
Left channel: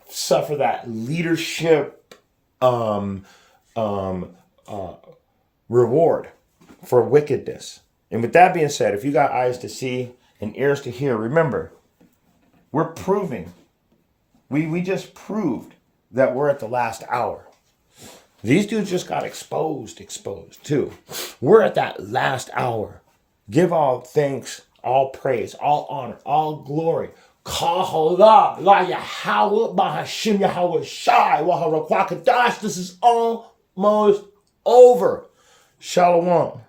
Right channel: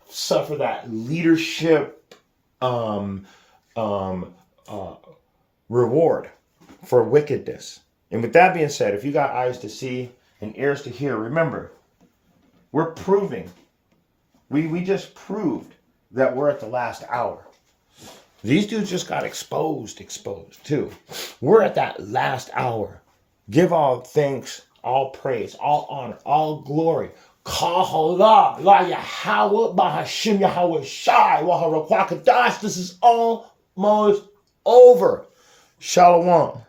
suffer that leadership reward for wickedness. And with that being said, if you got eyes to see and ears to hear, remember, we're proving, we just proved that we're at the last hour. These dudes just got exposed too. We're at that last hour. Give all thanks, all praise, all honor, all glory. Kahala, la Yahweh, Bahashim Yahweh Shai, Waharakakadash. This is almost over. Shalom.